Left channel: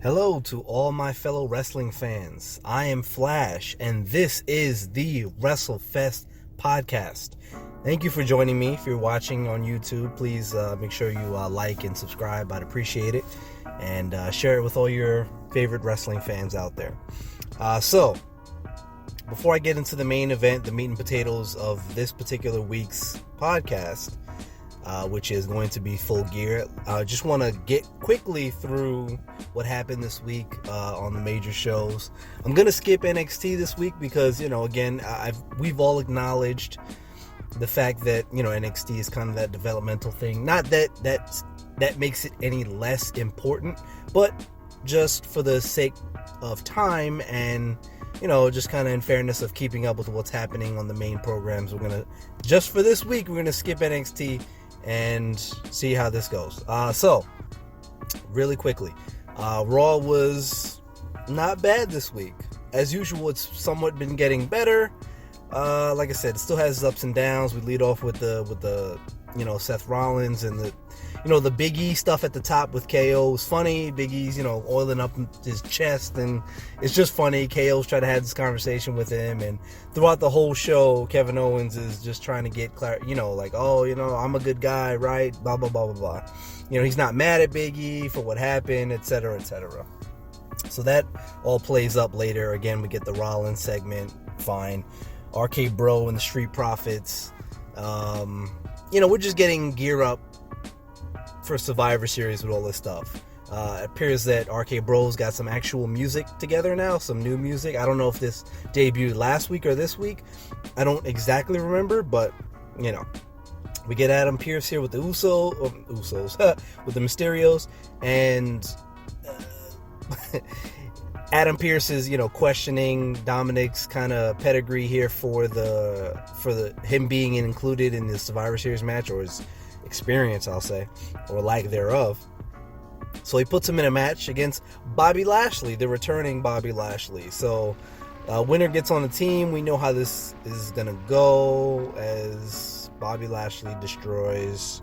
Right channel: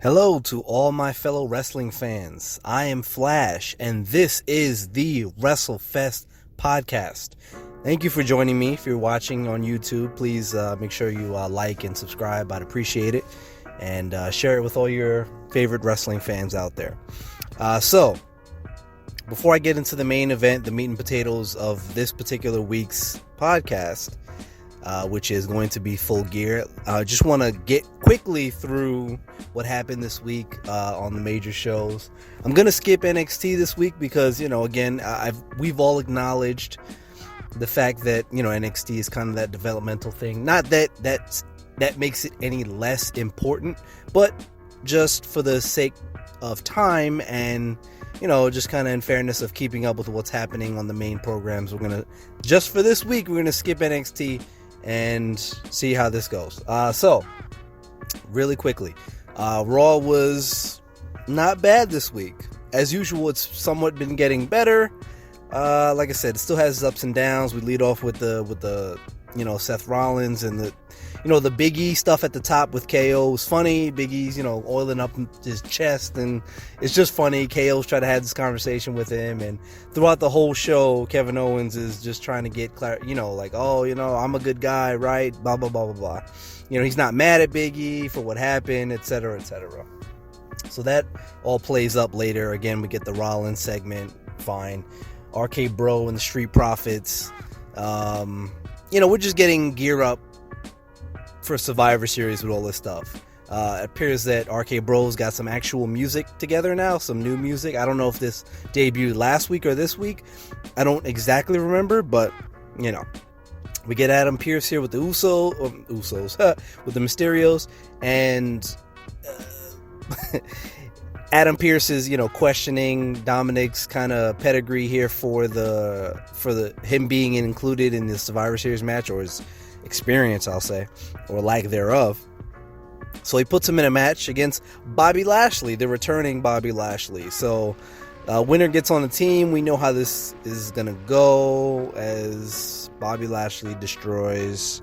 Hello to all my fellow wrestling fans. I am Flash, and this is the WrestleFest podcast. Thank you for joining me. If you're watching on YouTube, please make sure you like and subscribe. I'd appreciate it. And share it with all your favorite wrestling fans out there. So, before I get into the main event, the meat and potatoes of this particular week's podcast, which is going to be Full Gear, I just want to get quickly through what happened this week on the major shows. I'm going to skip NXT this week because, again, we've all acknowledged the fact that, NXT is kind of that developmental thing. Not that makes it any less important, but just for the sake of time and, just kind of in fairness of keeping up with what's happening on the main programs, just for this week, we're going to skip NXT and see how this goes. So, really quickly, Raw was not bad this week. As usual, it's somewhat been getting better. Like I said, it still has its ups and downs. We lead off with the Seth Rollins and the Big E stuff at the top with KO. It's funny. Big E's, oiling up his chest, and it's just funny. KO's trying to have this conversation with him, and throughout the whole show, Kevin Owens is just trying to get I'm a good guy, right? Blah, blah, blah, blah, blah. He's not mad at Big E for what happened, etc., etc. So that all plays up later. Again, we get the Rollins segment, fine. RK Bro and the Street Profits. We're just getting gear up for Survivor Series with all this stuff. It appears that RK Bros got some actual music together now, some new music. I don't know if this debuted last week or this week. I don't exactly remember, but we get Adam Pearce here with the Usos, with the Mysterios, and Adam Pearce is, questioning Dominic's kind of pedigree here for him being included in the Survivor Series match, or his experience, I'll say, or lack thereof. So he puts him in a match against Bobby Lashley, the returning Bobby Lashley. So winner gets on the team. We know how this is gonna go, as Bobby Lashley destroys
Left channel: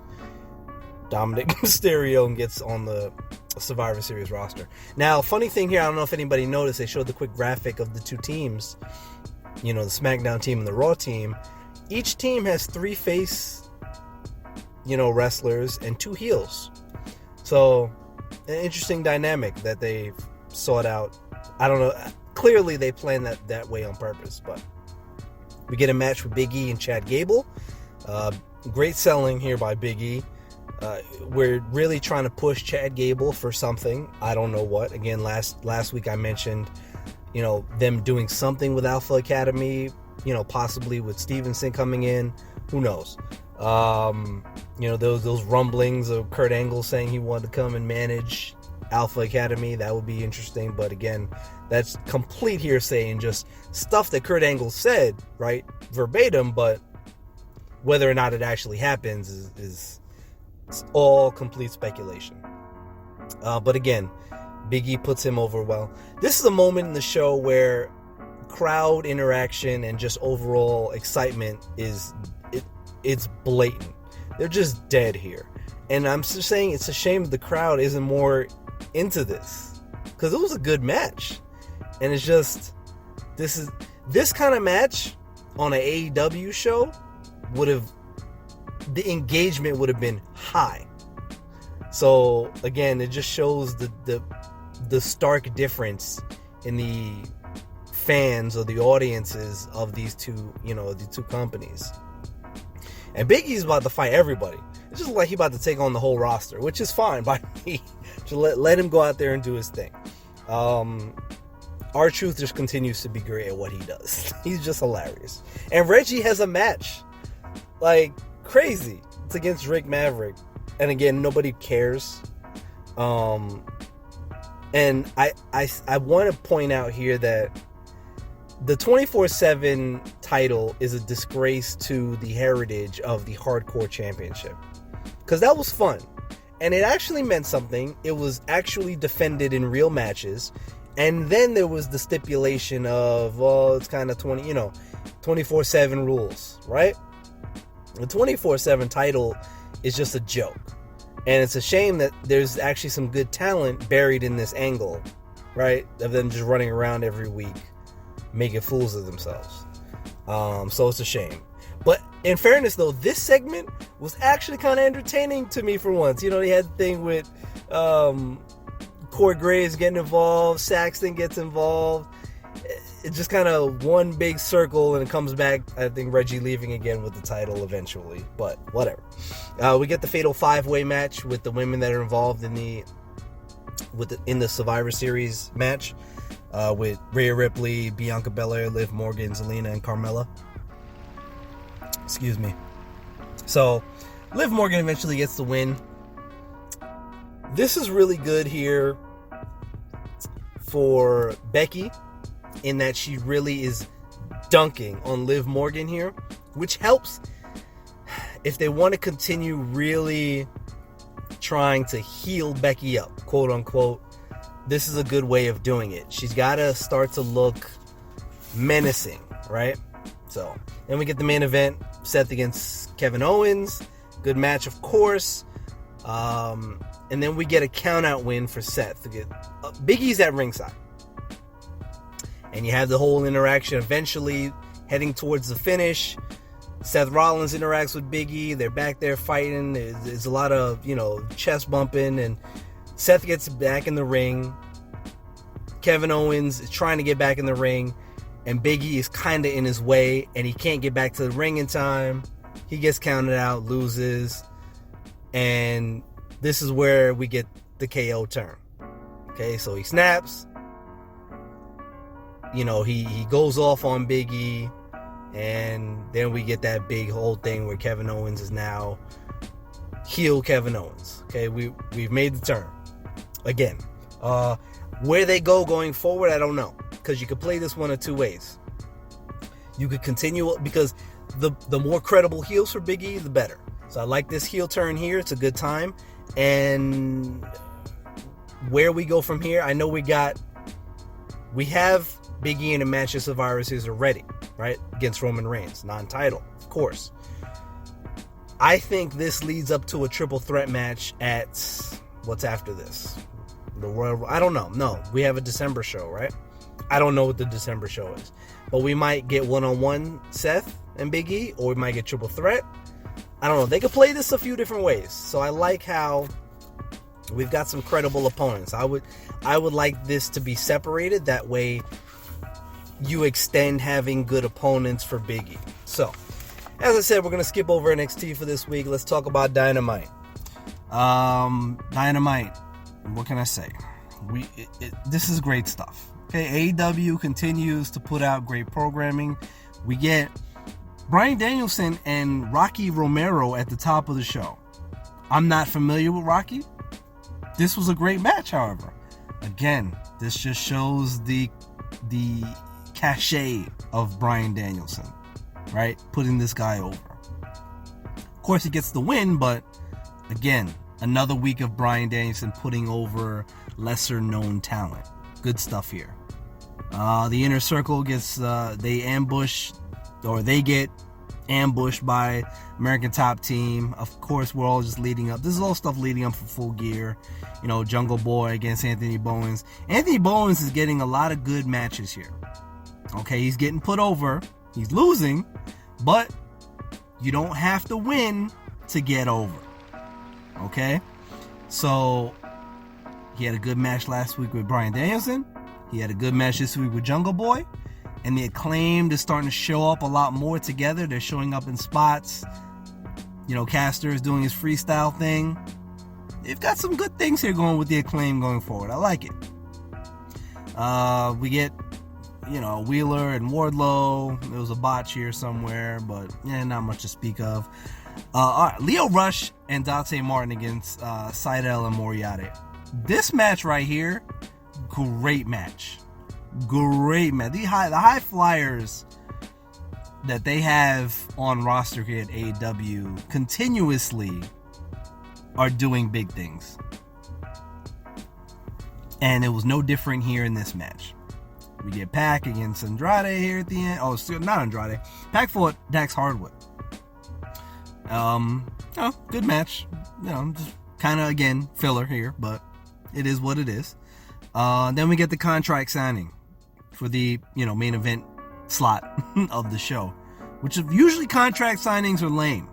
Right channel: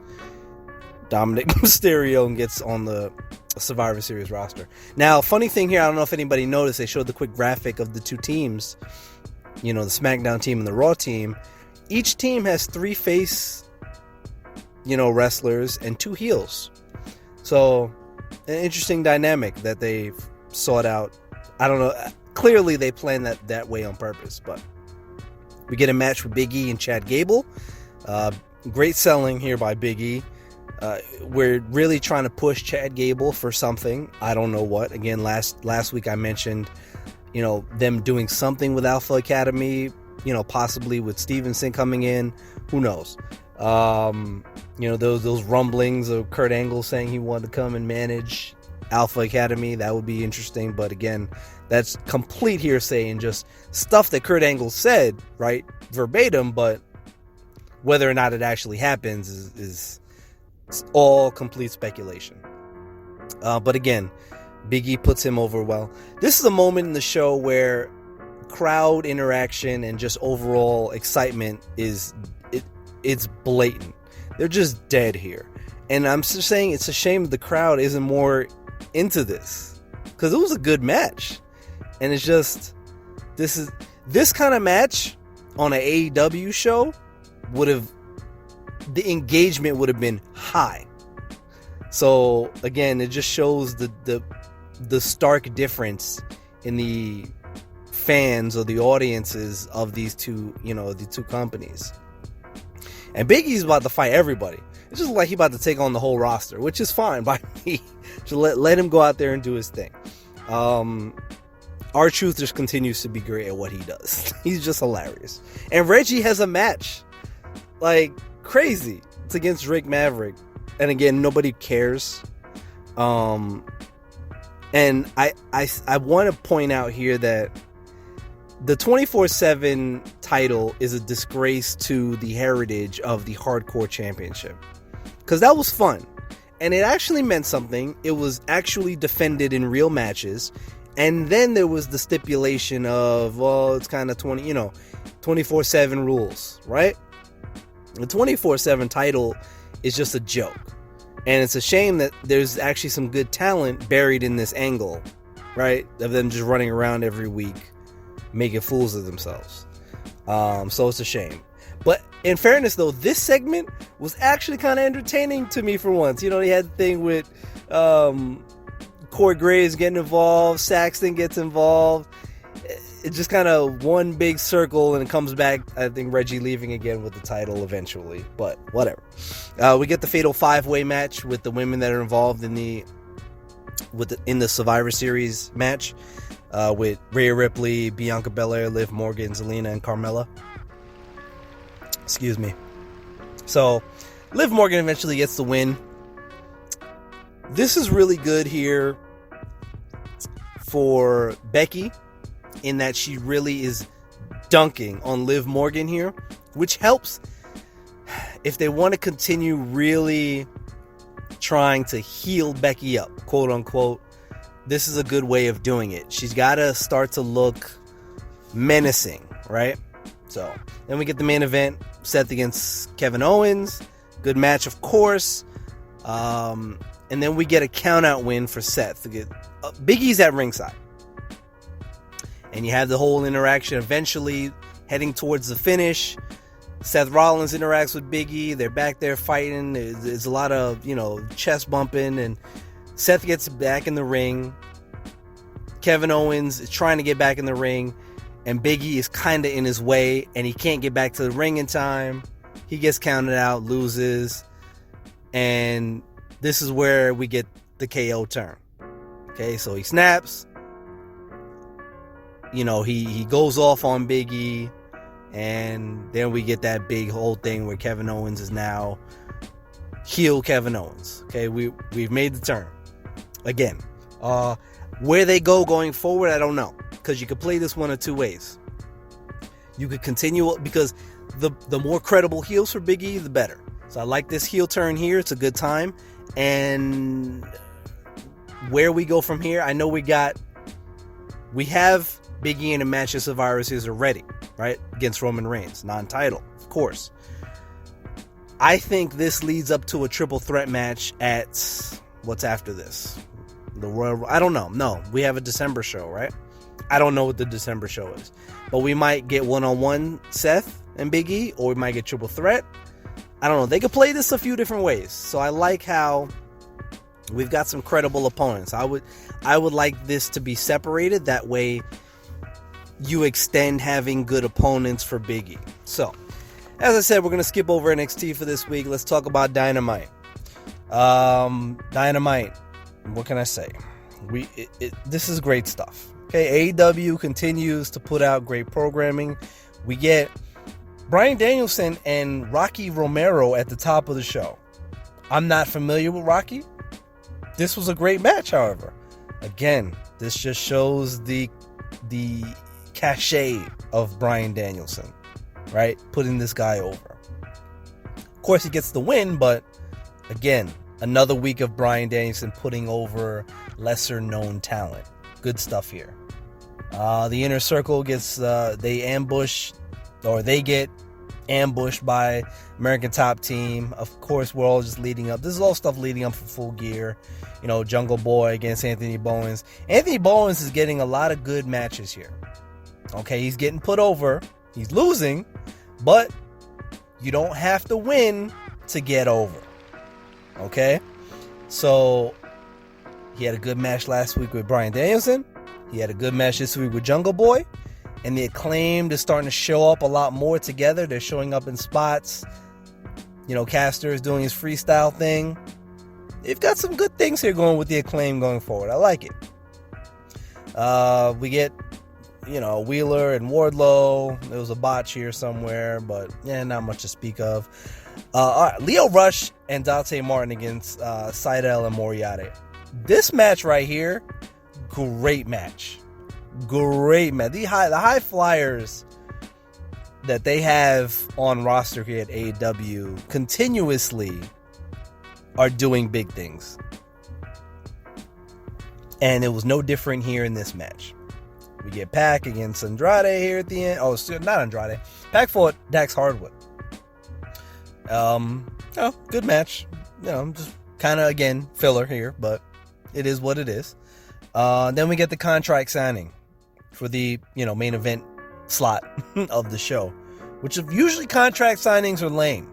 Dominic Mysterio and gets on the Survivor Series roster. Now, funny thing here, I don't know if anybody noticed, they showed the quick graphic of the two teams, the SmackDown team and the Raw team. Each team has 3 face, wrestlers and 2 heels. So, an interesting dynamic that they sought out. I don't know, clearly they planned that way on purpose, but we get a match with Big E and Chad Gable. Great selling here by Big E. We're really trying to push Chad Gable for something. I don't know what. Again, last week I mentioned, them doing something with Alpha Academy, possibly with Stevenson coming in. Who knows? Those rumblings of Kurt Angle saying he wanted to come and manage Alpha Academy. That would be interesting. But again, that's complete hearsay and just stuff that Kurt Angle said, right? Verbatim, but whether or not it actually happens is all complete speculation. But again, Big E puts him over well. This is a moment in the show where crowd interaction and just overall excitement it's blatant. They're just dead here. And I'm just saying it's a shame the crowd isn't more into this, because it was a good match. And it's just, this kind of match on an AEW show the engagement would have been high. So again, it just shows the stark difference in the fans or the audiences of these two, the two companies. And Big E's about to fight everybody. It's just like he's about to take on the whole roster, which is fine by me. Just let him go out there and do his thing. R-Truth just continues to be great at what he does. He's just hilarious. And Reggie has a match like crazy. It's against Rick Maverick, and again, nobody cares. And I want to point out here that the 24/7 title is a disgrace to the heritage of the Hardcore Championship, because that was fun and it actually meant something. It was actually defended in real matches, and then there was the stipulation of, well, it's kind of 24/7 rules, right? The 24/7 title is just a joke. And it's a shame that there's actually some good talent buried in this angle, right? Of them just running around every week, making fools of themselves. So it's a shame. But in fairness, though, this segment was actually kind of entertaining to me for once. You know, they had the thing with Corey Graves getting involved, Saxton gets involved. It's just kind of one big circle, and it comes back, I think, Reggie leaving again with the title eventually, but whatever. We get the Fatal 5-Way match with the women that are involved in the Survivor Series match, with Rhea Ripley, Bianca Belair, Liv Morgan, Zelina, and Carmella. Excuse me. So, Liv Morgan eventually gets the win. This is really good here for Becky, in that she really is dunking on Liv Morgan here, which helps if they want to continue really trying to heal Becky up, quote unquote. This is a good way of doing it. She's got to start to look menacing, right? So then we get the main event, Seth against Kevin Owens. Good match, of course. And then we get a count-out win for Seth. Big E's at ringside. And you have the whole interaction eventually heading towards the finish. Seth Rollins interacts with Big E. They're back there fighting. There's a lot of, chest bumping. And Seth gets back in the ring. Kevin Owens is trying to get back in the ring. And Big E is kind of in his way. And he can't get back to the ring in time. He gets counted out, loses. And this is where we get the KO turn. Okay, so he snaps. He goes off on Big E, and then we get that big whole thing where Kevin Owens is now heel Kevin Owens. Okay, we've made the turn. Again, where they go going forward, I don't know, because you could play this one of two ways. You could continue, because the more credible heels for Big E, the better. So I like this heel turn here. It's a good time. And where we go from here, I know we have Big E in a match of Survivor Series already, right? Against Roman Reigns, non-title, of course. I think this leads up to a triple threat match at, what's after this? The Royal, I don't know. No, we have a December show, right? I don't know what the December show is. But we might get one-on-one Seth and Big E, or we might get triple threat. I don't know. They could play this a few different ways. So I like how we've got some credible opponents. I would like this to be separated. That way you extend having good opponents for Big E. So, as I said, we're going to skip over NXT for this week. Let's talk about Dynamite. Dynamite. What can I say? This is great stuff. Okay, AEW continues to put out great programming. We get Bryan Danielson and Rocky Romero at the top of the show. I'm not familiar with Rocky. This was a great match, however. Again, this just shows the cachet of Bryan Danielson, right? Putting this guy over. Of course, he gets the win, but again, another week of Bryan Danielson putting over lesser known talent. Good stuff here. The Inner Circle gets, they get ambushed by American Top Team. Of course, we're all just leading up. This is all stuff leading up for Full Gear. Jungle Boy against Anthony Bowens. Anthony Bowens is getting a lot of good matches here. Okay, he's getting put over. He's losing, but you don't have to win to get over. Okay? So, he had a good match last week with Bryan Danielson. He had a good match this week with Jungle Boy. And the Acclaimed is starting to show up a lot more together. They're showing up in spots. Caster is doing his freestyle thing. They've got some good things here going with the Acclaimed going forward. I like it. We get, Wheeler and Wardlow. There was a botch here somewhere, but not much to speak of. All right, Lio Rush and Dante Martin against Seidel and Moriarty. This match right here, great match. Great match. The high flyers that they have on roster here at AEW continuously are doing big things. And it was no different here in this match. We get Pac against Andrade here at the end. Oh, not Andrade. Pac fought Dax Hardwood. Good match. Just Kind of, again, filler here, but it is what it is. Then we get the contract signing for the, main event slot of the show, which usually contract signings are lame.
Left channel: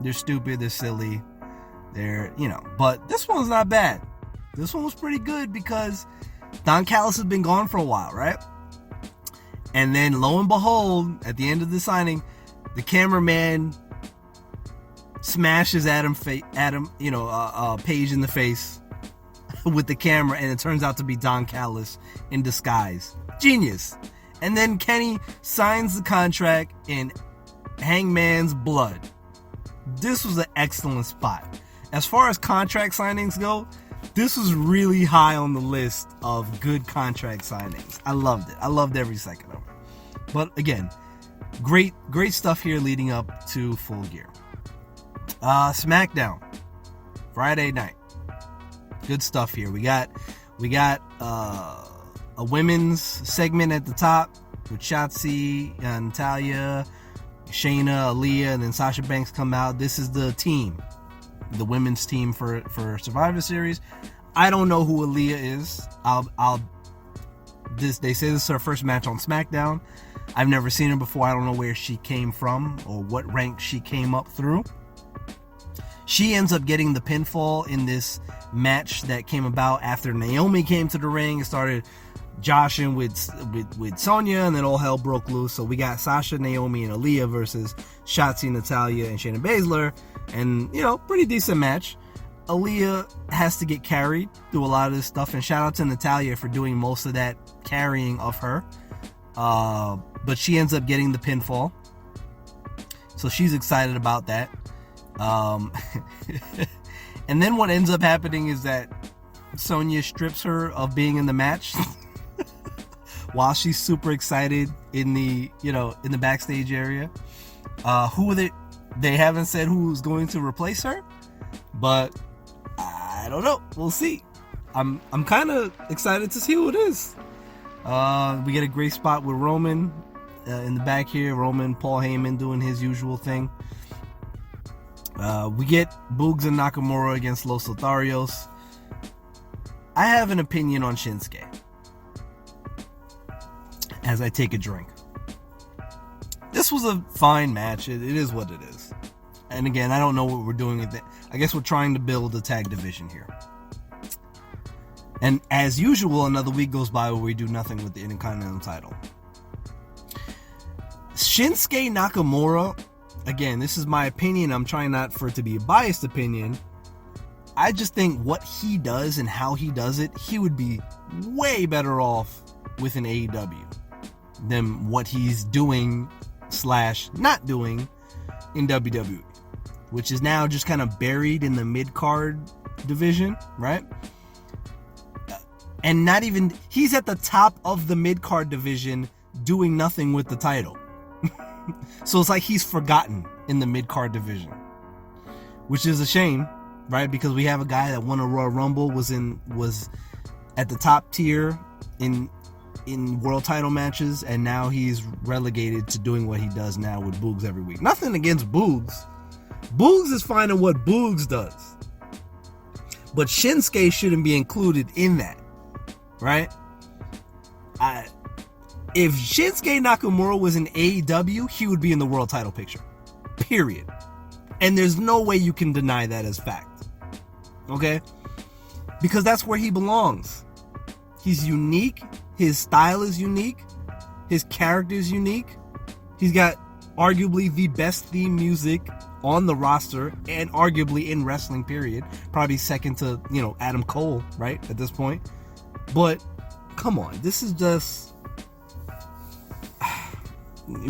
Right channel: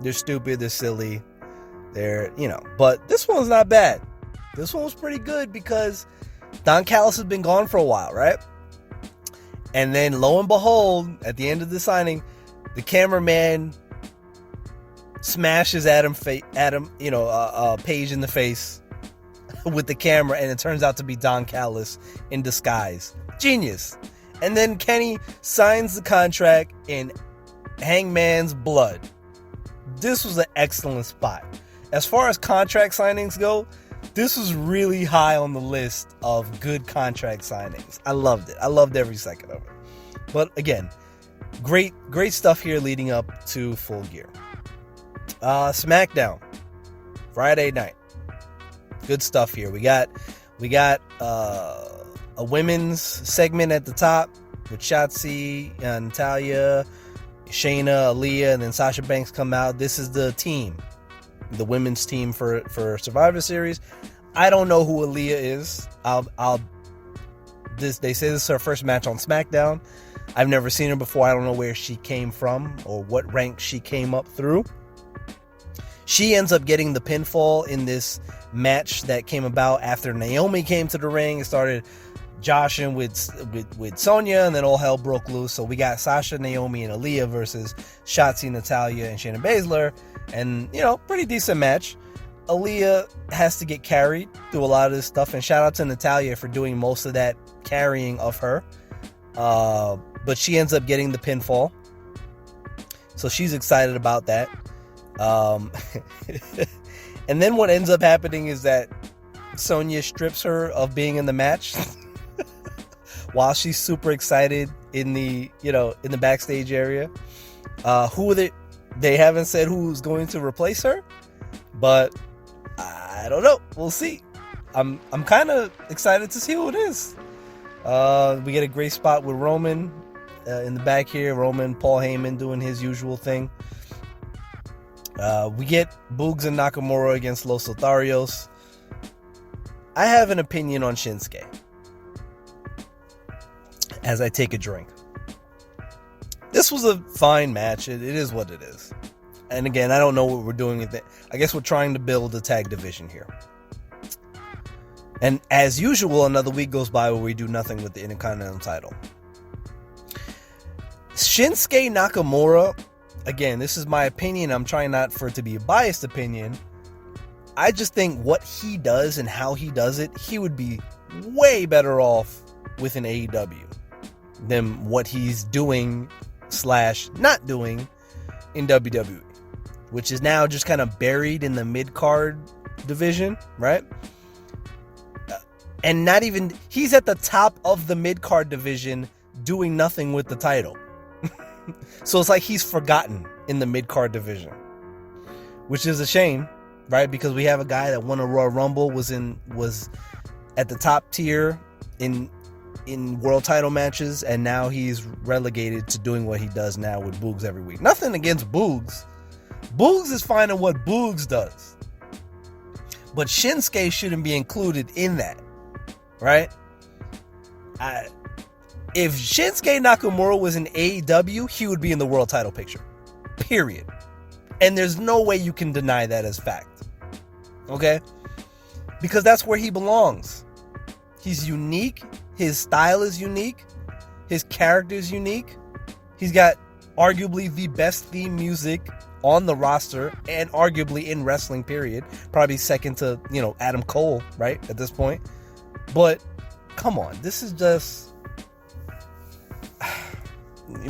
They're stupid, they're silly, but this one's not bad. This one was pretty good because Don Callis has been gone for a while, right? And then lo and behold, at the end of the signing, the cameraman smashes Page in the face with the camera, and it turns out to be Don Callis in disguise. Genius. And then Kenny signs the contract in Hangman's blood. This was an excellent spot. As far as contract signings go, this was really high on the list of good contract signings. I loved it. I loved every second of it. But again, great stuff here leading up to Full Gear. SmackDown, Friday night. Good stuff here. We got a women's segment at the top with Shotzi and Natalya, Shayna, Aaliyah, and then Sasha Banks come out. This is the team, the women's team for Survivor Series. I don't know who Aaliyah is. They say this is her first match on SmackDown. I've never seen her before. I don't know where she came from or what rank she came up through. She ends up getting the pinfall in this match that came about after Naomi came to the ring and started joshing with Sonya, and then all hell broke loose. So we got Sasha, Naomi, and Aaliyah versus Shotzi, Natalya, and Shayna Baszler, and pretty decent match. Aaliyah has to get carried through a lot of this stuff, and shout out to Natalya for doing most of that carrying of her. But she ends up getting the pinfall, so she's excited about that. And then what ends up happening is that Sonya strips her of being in the match while she's super excited in the backstage area. They haven't said who's going to replace her, but I don't know. We'll see. I'm kind of excited to see who it is. We get a great spot with Roman in the back here. Roman, Paul Heyman doing his usual thing. We get Boogs and Nakamura against Los Lotharios. I have an opinion on Shinsuke as I take a drink. This was a fine match. It is what it is. And again, I don't know what we're doing with it. I guess we're trying to build a tag division here. And as usual, another week goes by where we do nothing with the Intercontinental title. Shinsuke Nakamura, again, this is my opinion. I'm trying not for it to be a biased opinion. I just think what he does and how he does it, he would be way better off with an AEW than what he's doing / not doing in WWE, which is now just kind of buried in the mid-card division, right? And not even, he's at the top of the mid-card division doing nothing with the title. So it's like he's forgotten in the mid-card division, which is a shame, right? Because we have a guy that won a Royal Rumble, was at the top tier in world title matches, and now he's relegated to doing what he does now with Boogs every week. Nothing against Boogs. Boogs is fine at what Boogs does. But Shinsuke shouldn't be included in that, right? If Shinsuke Nakamura was in AEW, he would be in the world title picture. Period. And there's no way you can deny that as fact. Okay? Because that's where he belongs. He's unique. His style is unique. His character is unique. He's got arguably the best theme music on the roster and arguably in wrestling, period. Probably second to, Adam Cole, right? At this point. But come on, this is just,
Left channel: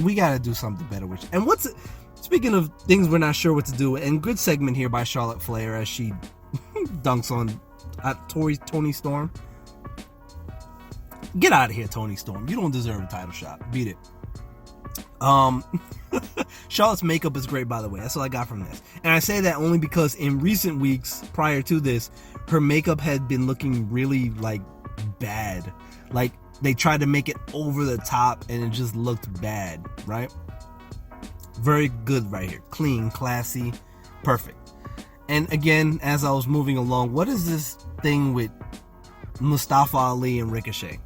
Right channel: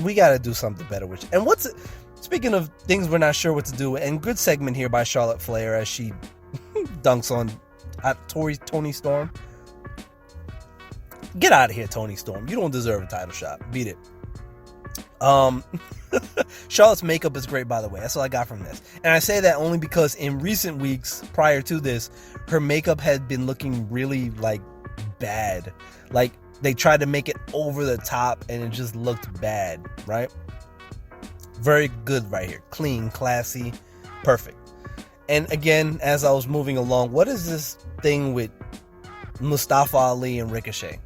we got to do something better with it. And speaking of things we're not sure what to do, and good segment here by Charlotte Flair as she dunks on Toni Storm. Get out of here, Toni Storm. You don't deserve a title shot. Beat it. Charlotte's makeup is great, by the way. That's all I got from this. And I say that only because in recent weeks prior to this, her makeup had been looking really bad. Like they tried to make it over the top and it just looked bad, right? Very good right here. Clean, classy, perfect. And again, as I was moving along, what is this thing with Mustafa Ali and Ricochet?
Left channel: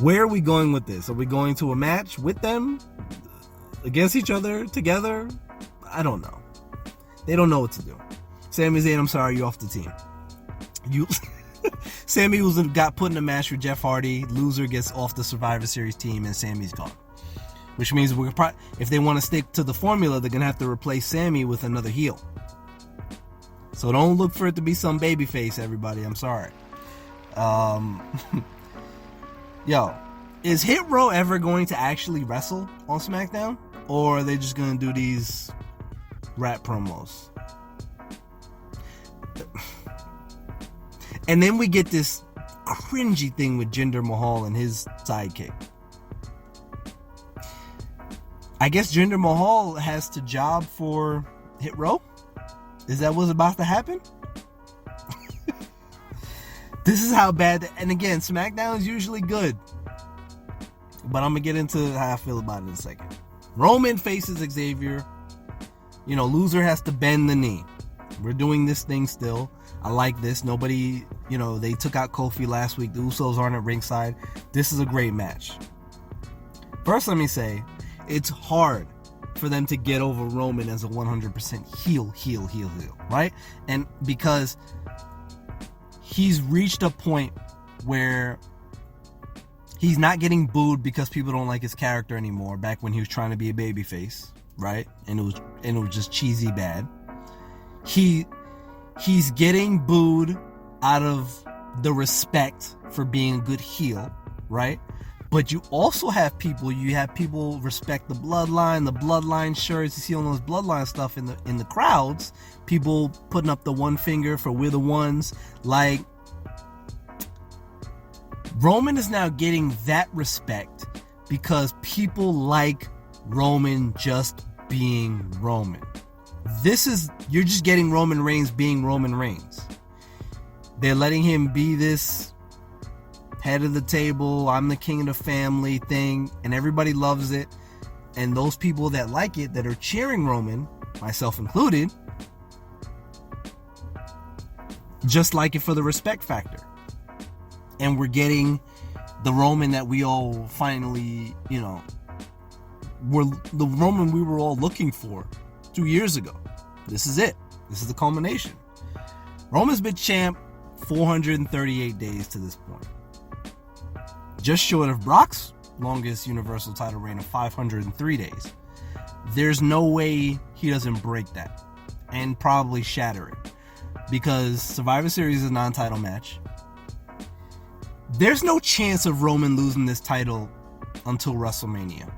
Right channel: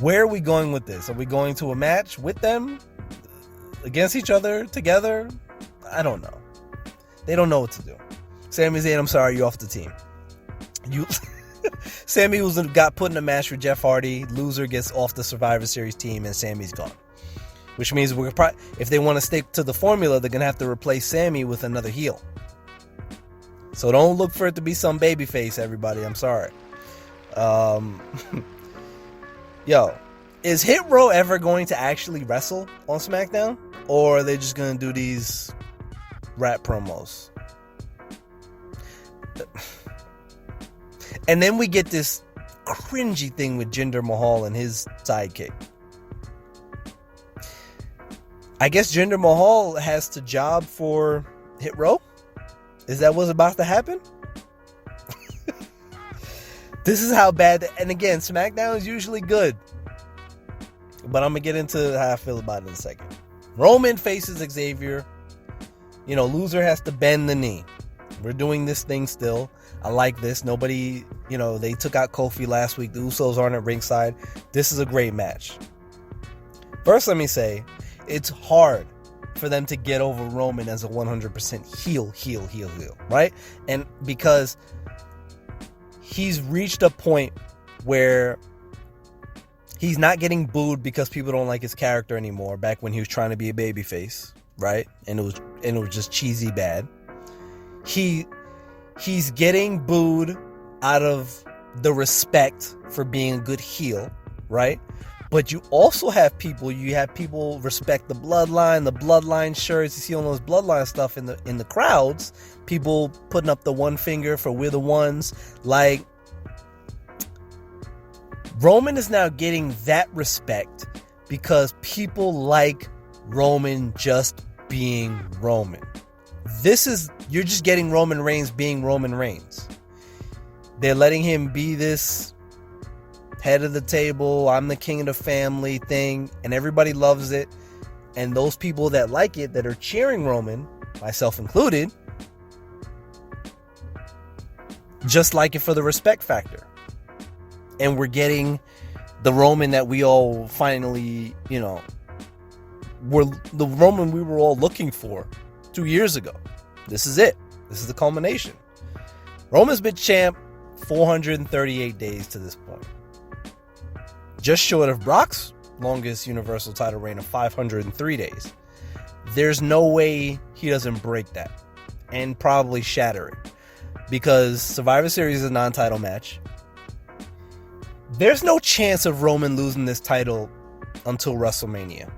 Where are we going with this? Are we going to a match with them? Against each other? Together? I don't know. They don't know what to do. Sami Zayn, I'm sorry, you're off the team. Sami got put in a match with Jeff Hardy. Loser gets off the Survivor Series team, and Sami's gone. Which means if they want to stick to the formula, they're going to have to replace Sami with another heel. So don't look for it to be some babyface, everybody. I'm sorry. Yo, is Hit Row ever going to actually wrestle on SmackDown? Or are they just going to do these rap promos? And then we get this cringy thing with Jinder Mahal and his sidekick. I guess Jinder Mahal has to job for Hit Row? Is that what's about to happen? This is how bad... And again, SmackDown is usually good. But I'm going to get into how I feel about it in a second. Roman faces Xavier. Loser has to bend the knee. We're doing this thing still. I like this. Nobody... they took out Kofi last week. The Usos aren't at ringside. This is a great match. First, let me say, it's hard for them to get over Roman as a 100% heel, right? And because he's reached a point where he's not getting booed because people don't like his character anymore. Back when he was trying to be a babyface, right? And it was just cheesy bad. He's getting booed out of the respect for being a good heel, right? But you also have people respect the bloodline shirts. You see all those bloodline stuff in the crowds. People putting up the one finger for we're the ones. Like, Roman is now getting that respect because people like Roman just being Roman. You're just getting Roman Reigns being Roman Reigns. They're letting him be this head of the table, I'm the king of the family thing, and everybody loves it. And those people that like it, that are cheering Roman, myself included, just like it for the respect factor. And we're getting the Roman that we all finally, were the Roman we were all looking for 2 years ago. This is it. This is the culmination. Roman's been champ 438 days to this point. Just short of Brock's longest Universal title reign of 503 days. There's no way he doesn't break that and probably shatter it, because Survivor Series is a non-title match. There's no chance of Roman losing this title until WrestleMania.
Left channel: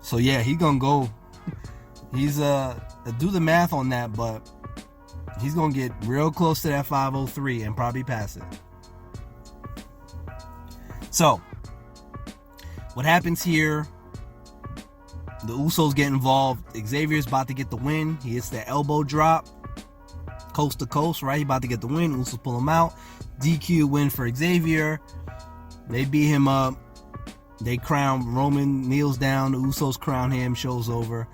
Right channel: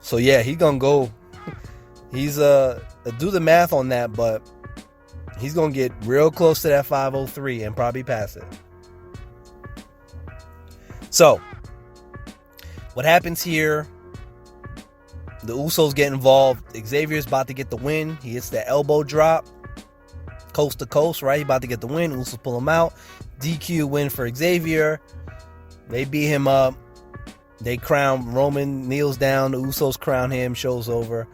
So yeah, he's gonna go. He's do the math on that, but he's gonna get real close to that 503 and probably pass it. So, what happens here? The Usos get involved. Xavier's about to get the win. He hits that elbow drop, coast to coast, right? He about to get the win. Usos pull him out. DQ win for Xavier. They beat him up. They crown Roman, kneels down. The Usos crown him. Show's over.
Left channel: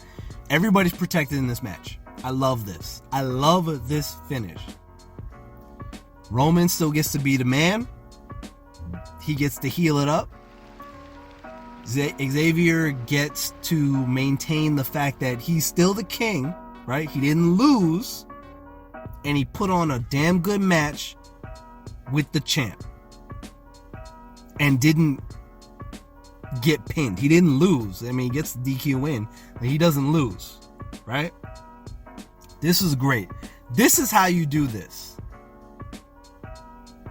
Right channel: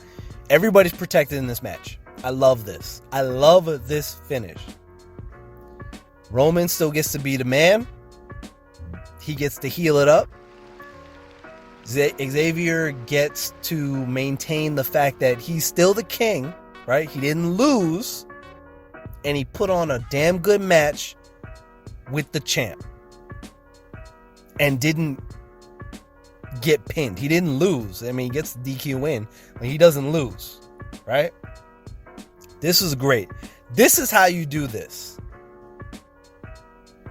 Everybody's protected in this match. I love this. I love this finish. Roman still gets to be the man. He gets to heal it up. Xavier gets to maintain the fact that he's still the king, right? He didn't lose, and he put on a damn good match with the champ and didn't get pinned. He didn't lose. I mean, he gets the DQ win, but he doesn't lose, right? This is great. This is how you do this.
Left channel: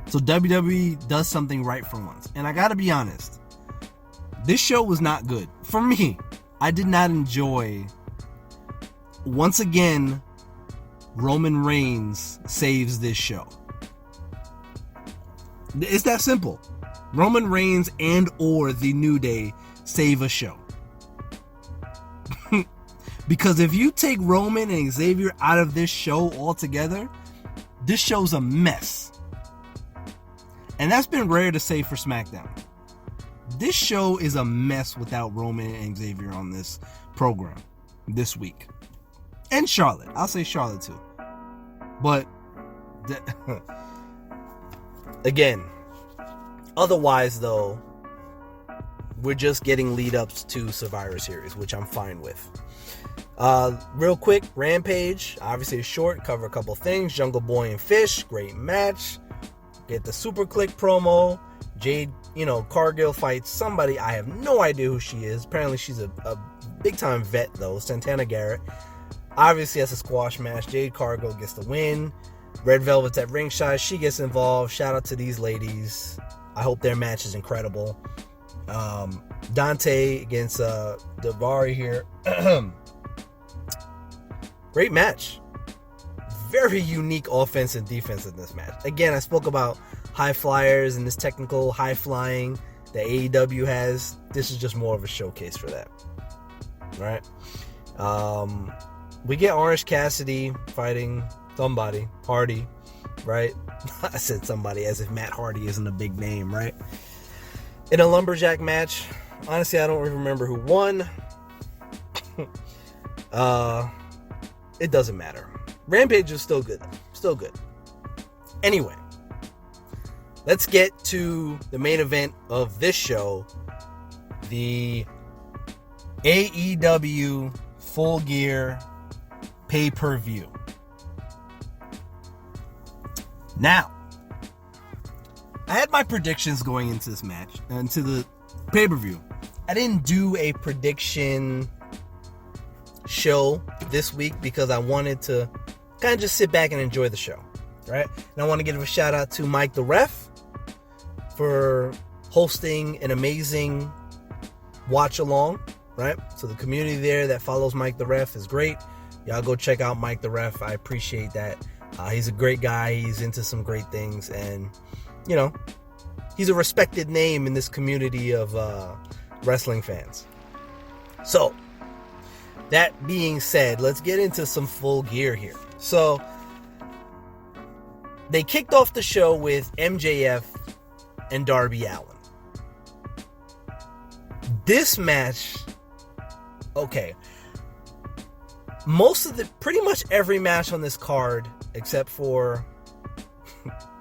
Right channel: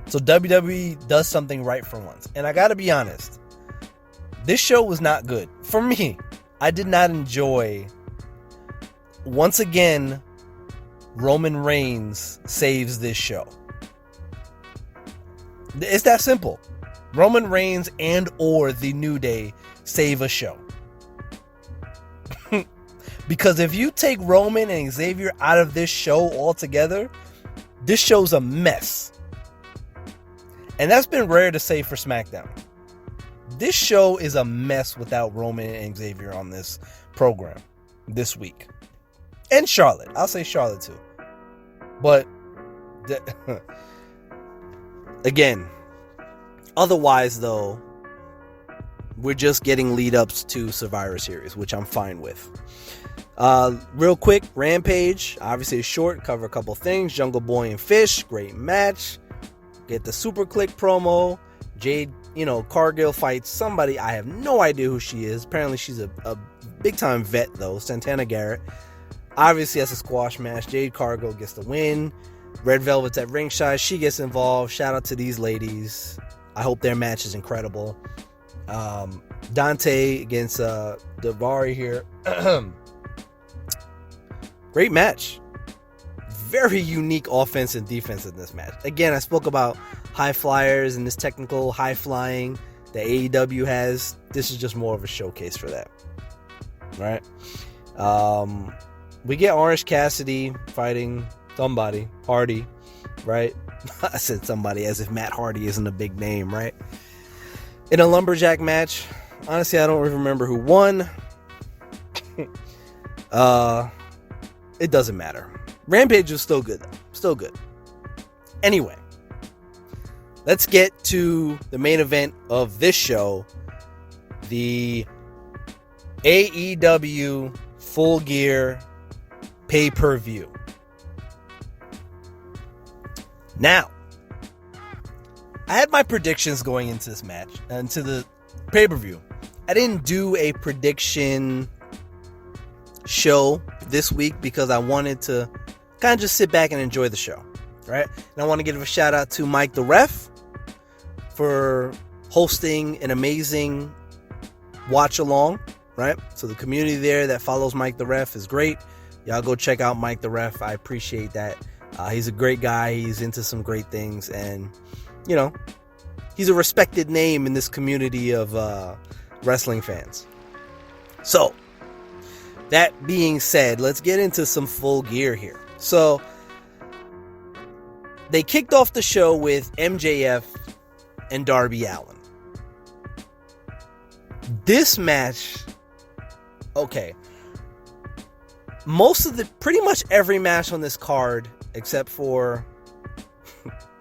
So WWE does something right for once. And I gotta be honest, this show was not good. For me, I did not enjoy. Once again, Roman Reigns saves this show. It's that simple. Roman Reigns and or The New Day save a show. Because if you take Roman and Xavier out of this show altogether, this show's a mess. And that's been rare to say for SmackDown. This show is a mess without Roman and Xavier on this program this week. And Charlotte. I'll say Charlotte too. But again, otherwise though, we're just getting lead-ups to Survivor Series, which I'm fine with. Real quick, Rampage, obviously it's short, cover a couple things. Jungle Boy and Fish, great match. Get the Super Click promo. Jade, Cargill fights somebody. I have no idea who she is. Apparently she's a big-time vet, though. Santana Garrett. Obviously, that's a squash match. Jade Cargill gets the win. Red Velvet's at ringside. She gets involved. Shout out to these ladies. I hope their match is incredible. Dante against Davari here. Great match. Very unique offense and defense in this match. Again, I spoke about high flyers and this technical high flying that AEW has. This is just more of a showcase for that. Right? We get Orange Cassidy fighting somebody, Hardy, right? I said somebody as if Matt Hardy isn't a big name, right? In a lumberjack match. Honestly, I don't remember who won. It doesn't matter. Rampage was still good. Still good. Anyway, let's get to the main event of this show. The AEW Full Gear pay-per-view. Now, I had my predictions going into this match, into the pay-per-view. I didn't do a prediction show this week because I wanted to kind of just sit back and enjoy the show, right? And I want to give a shout out to Mike the Ref for hosting an amazing watch along, right? So the community there that follows Mike the Ref is great. Y'all go check out Mike the Ref. I appreciate that. He's a great guy. He's into some great things, and he's a respected name in this community of wrestling fans. So that being said, let's get into some Full Gear here. So they kicked off the show with MJF and Darby Allin. This match, okay, pretty much every match on this card, except for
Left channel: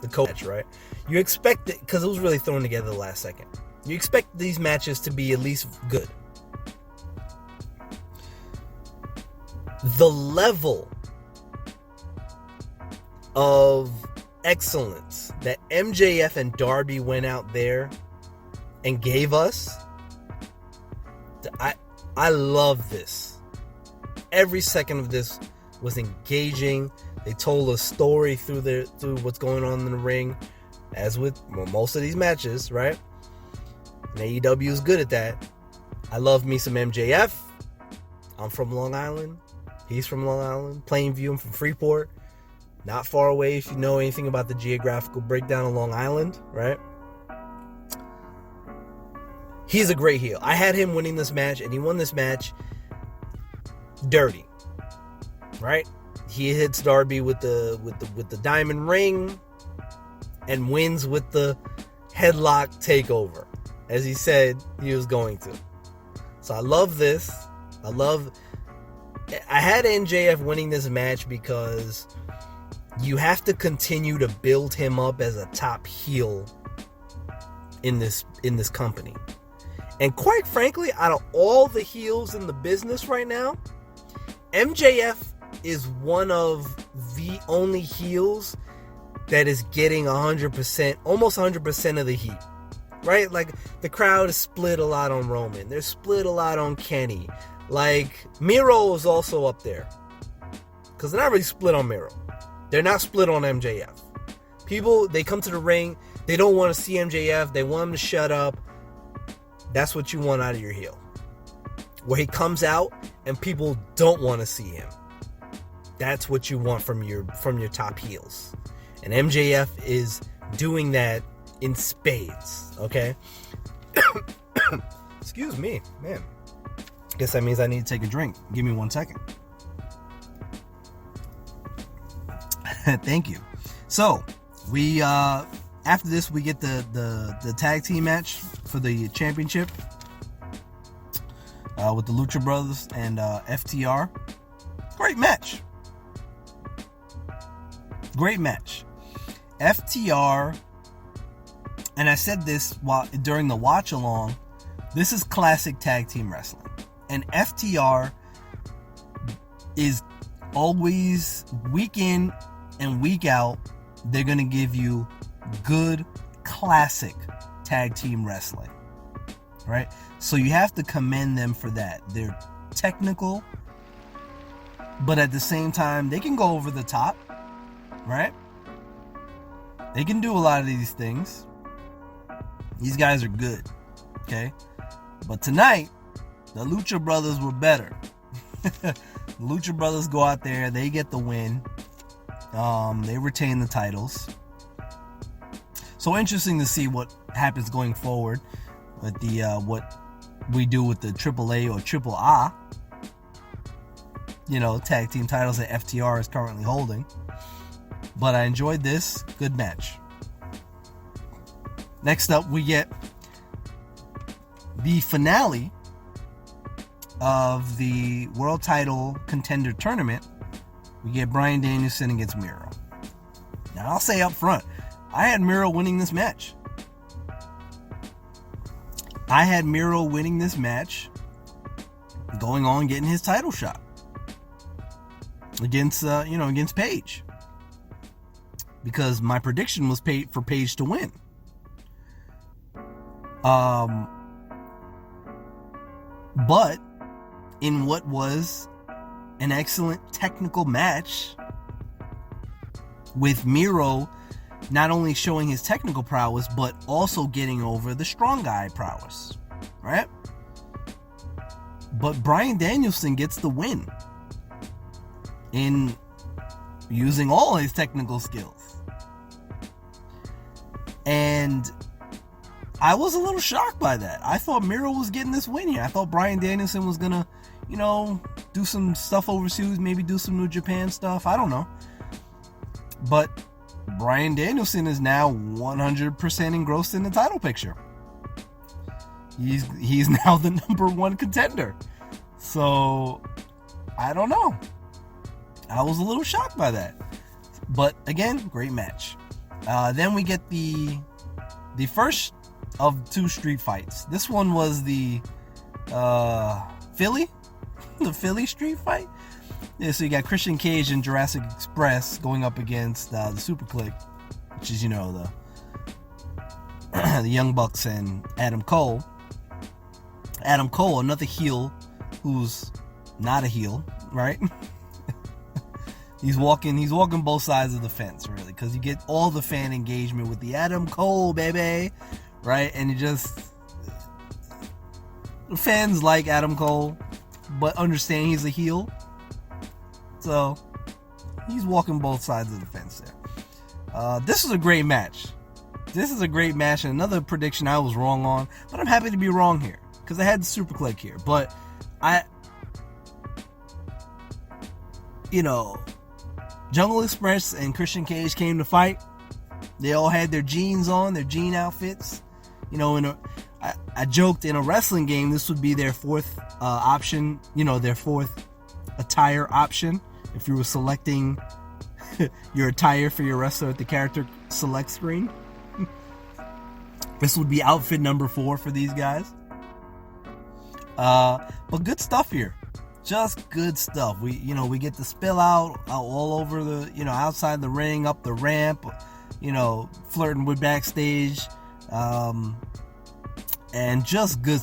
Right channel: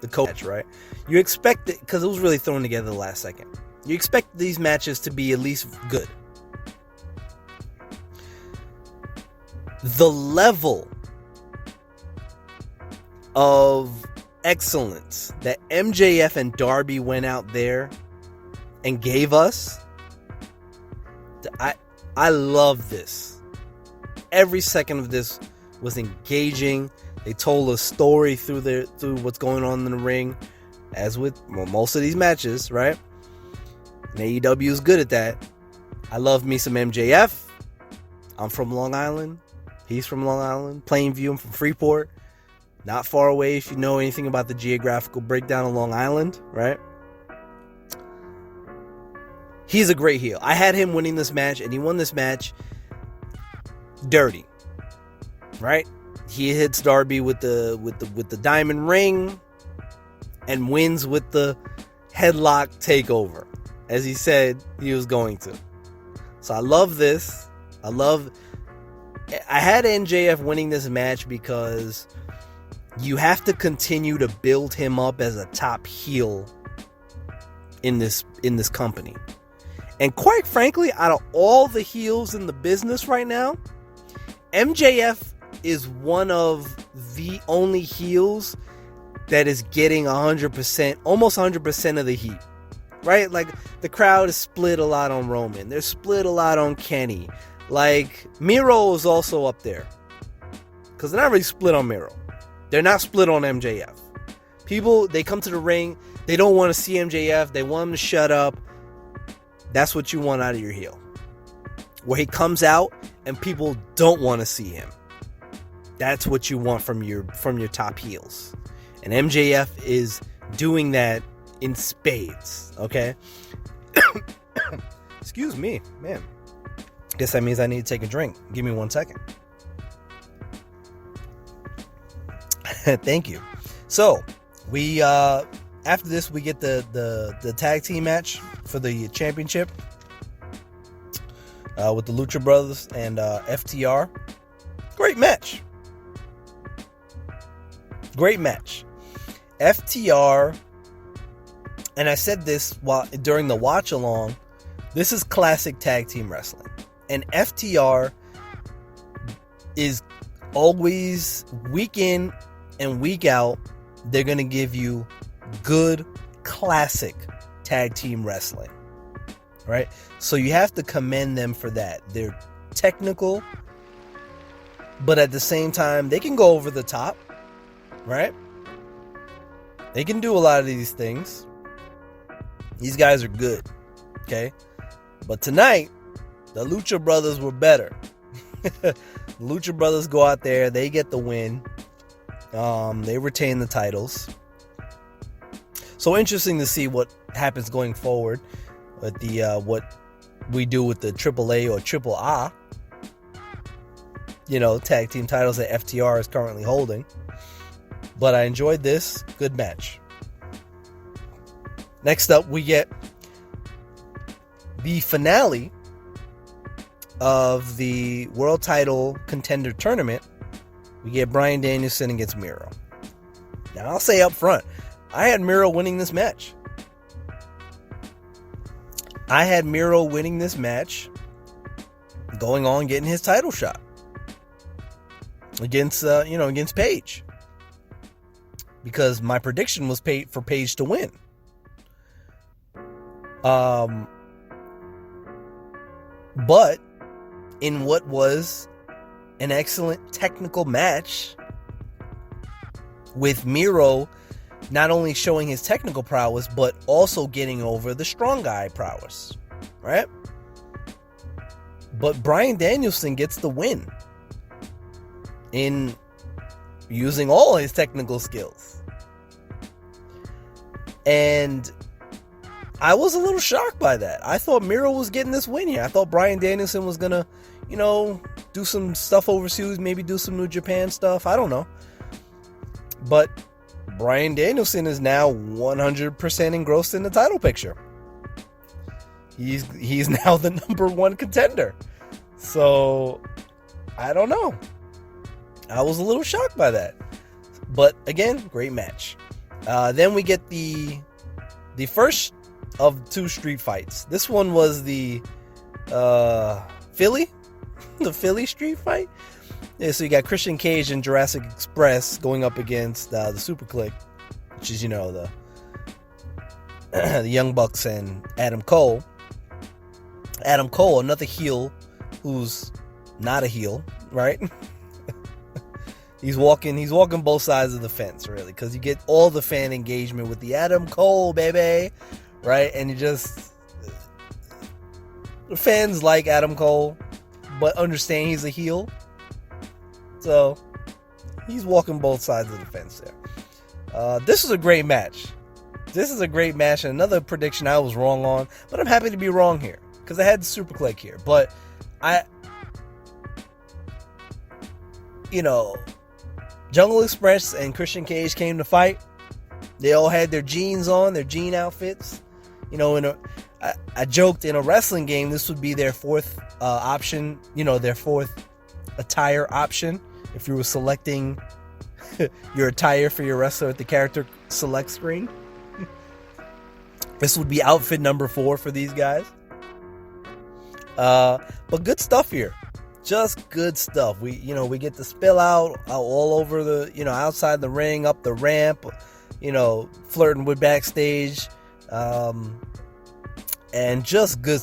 the co-match, right? You expect it, because it was really thrown together the last second. You expect these matches to be at least good. The level of excellence that MJF and Darby went out there and gave us, I love this. Every second of this was engaging. They told a story through what's going on in the ring, as with most of these matches, right? And AEW is good at that. I love me some MJF. I'm from Long Island. He's from Long Island. Plainview. I'm from Freeport. Not far away if you know anything about the geographical breakdown of Long Island, right? He's a great heel. I had him winning this match, and he won this match dirty, right? He hits Darby with the diamond ring and wins with the headlock takeover, as he said he was going to. So I love this. I had MJF winning this match because you have to continue to build him up as a top heel in this company. And quite frankly, out of all the heels in the business right now, MJF is one of the only heels that is getting 100%, almost 100% of the heat, right? Like, the crowd is split a lot on Roman. They're split a lot on Kenny. Like, Miro is also up there, because they're not really split on Miro. They're not split on MJF. People, they come to the ring, they don't want to see MJF. They want him to shut up. That's what you want out of your heel. Where he comes out and people don't want to see him. That's what you want from your top heels. And MJF is doing that in spades, okay? Excuse me, man. Guess that means I need to take a drink. Give me 1 second. Thank you. So, we after this we get the tag team match for the championship with the Lucha Brothers and FTR. Great great match. Great match. FTR, and I said this during the watch along, this is classic tag team wrestling. And FTR is always, week in and week out, they're going to give you good, classic tag team wrestling. Right? So you have to commend them for that. They're technical, but at the same time, they can go over the top. Right? They can do a lot of these things. These guys are good. Okay? But tonight, the Lucha Brothers were better. Lucha Brothers go out there, they get the win. They retain the titles. So interesting to see what happens going forward with the what we do with the AAA or Triple A, tag team titles that FTR is currently holding. But I enjoyed this. Good match. Next up, we get the finale of the World Title Contender Tournament. We get Bryan Danielson against Miro. Now, I'll say up front, I had Miro winning this match. I had Miro winning this match, going on getting his title shot against Paige, because my prediction was for Paige to win. But in what was an excellent technical match, with Miro not only showing his technical prowess, but also getting over the strong guy prowess, right? But Bryan Danielson gets the win in using all his technical skills. And I was a little shocked by that. I thought Miro was getting this win here. I thought Bryan Danielson was gonna, do some stuff overseas, maybe do some New Japan stuff. I don't know. But Bryan Danielson is now 100% engrossed in the title picture. He's now the number one contender. So, I don't know. I was a little shocked by that. But again, great match. Then we get the first of two street fights. This one was the Philly street fight. Yeah, so you got Christian Cage and Jurassic Express going up against the Super Click, which is the Young Bucks and Adam Cole. Adam Cole, another heel who's not a heel, right? He's walking both sides of the fence, really, because you get all the fan engagement with the Adam Cole, baby, right? And the fans like Adam Cole, but understand he's a heel. So, he's walking both sides of the fence there. This was a great match. And another prediction I was wrong on, but I'm happy to be wrong here, because I had the Super Click here. But Jungle Express and Christian Cage came to fight. They all had their jeans on, their jean outfits. I joked in a wrestling game, this would be their fourth option, their fourth attire option. If you were selecting your attire for your wrestler at the character select screen, this would be outfit number 4 for these guys. But good stuff here. Just good stuff. We get to spill out all over the, outside the ring, up the ramp, flirting with backstage, and just good.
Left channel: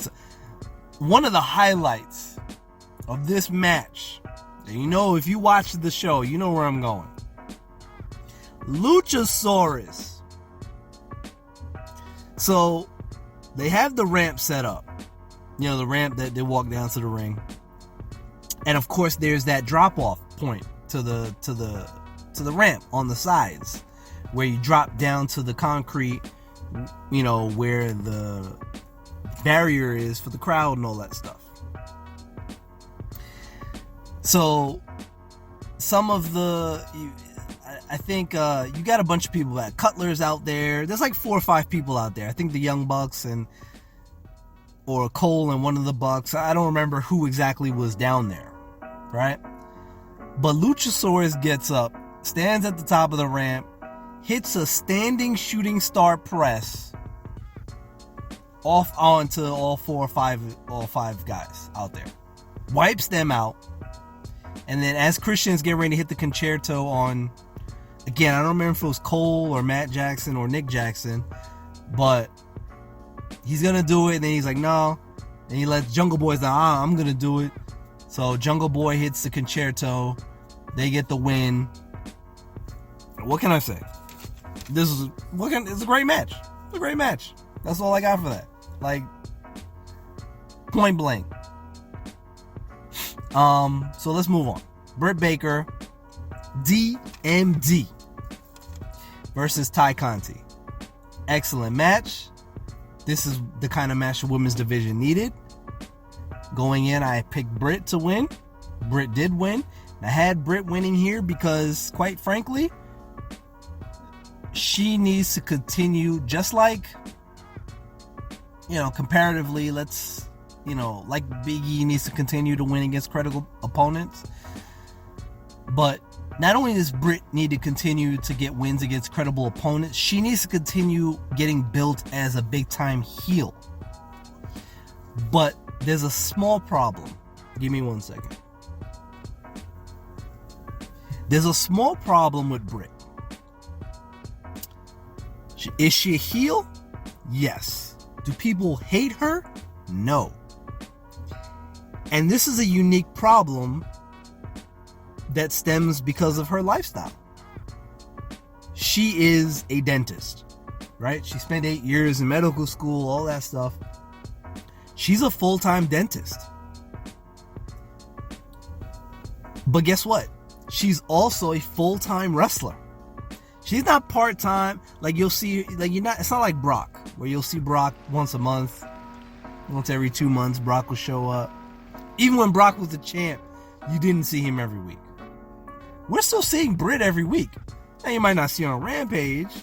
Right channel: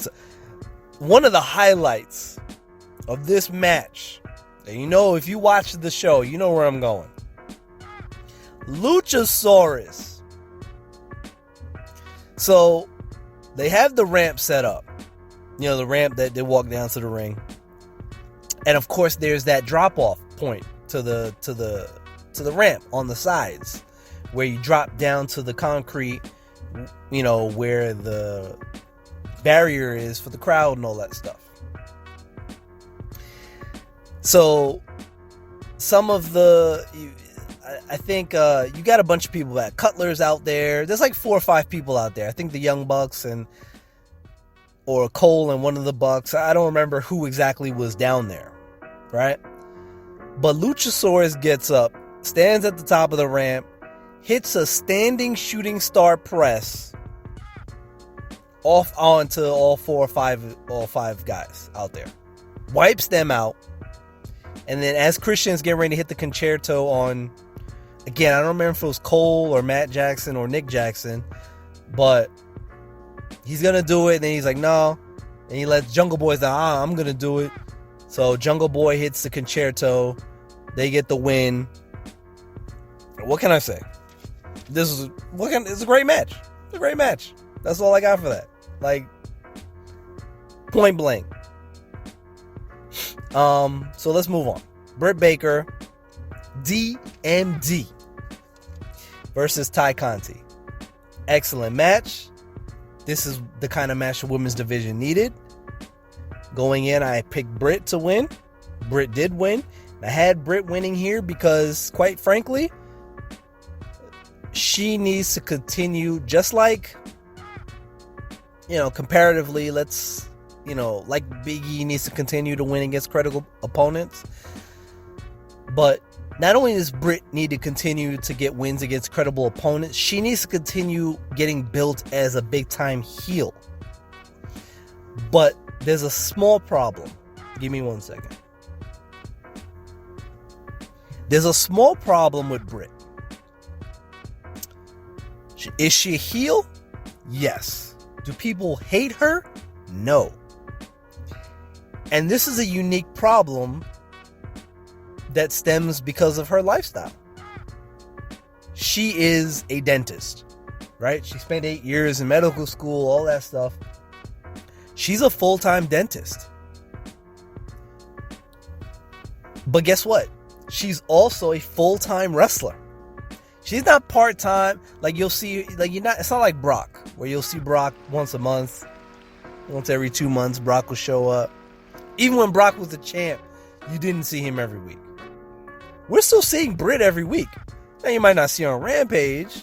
One of the highlights of this match, and if you watch the show, you know where I'm going. Luchasaurus. So they have the ramp set up, the ramp that they walk down to the ring. And of course, there's that drop-off point to the ramp on the sides, where you drop down to the concrete, where the barrier is for the crowd and all that stuff. So, some of I think you got a bunch of people. That Cutler's out there. There's like 4 or 5 people out there. I think the Young Bucks or Cole and one of the Bucks. I don't remember who exactly was down there, right? But Luchasaurus gets up, stands at the top of the ramp, hits a standing shooting star press off onto all five guys out there. Wipes them out. And then as Christian's getting ready to hit the concerto on, again, I don't remember if it was Cole or Matt Jackson or Nick Jackson, but he's going to do it. And then he's like, no. And he lets Jungle Boy know, I'm going to do it. So Jungle Boy hits the concerto. They get the win. What can I say? It's a great match. It's a great match. That's all I got for that. Like, point blank. So let's move on. Britt Baker, DMD versus Ty Conti. Excellent match. This is the kind of match the women's division needed. Going in, I picked Britt to win. Britt did win. I had Britt winning here because, quite frankly, she needs to continue, just like, comparatively, like Big E needs to continue to win against credible opponents. But not only does Britt need to continue to get wins against credible opponents, she needs to continue getting built as a big-time heel. But there's a small problem. Give me 1 second. There's a small problem with Britt. Is she a heel? Yes. Do people hate her? No. And this is a unique problem that stems because of her lifestyle. She is a dentist, right? She spent 8 years in medical school, all that stuff. She's a full-time dentist. But guess what? She's also a full-time wrestler. She's not part-time. Like, you'll see, it's not like Brock, where you'll see Brock once a month. Once every 2 months, Brock will show up. Even when Brock was the champ, you didn't see him every week. We're still seeing Britt every week. Now, you might not see her on Rampage,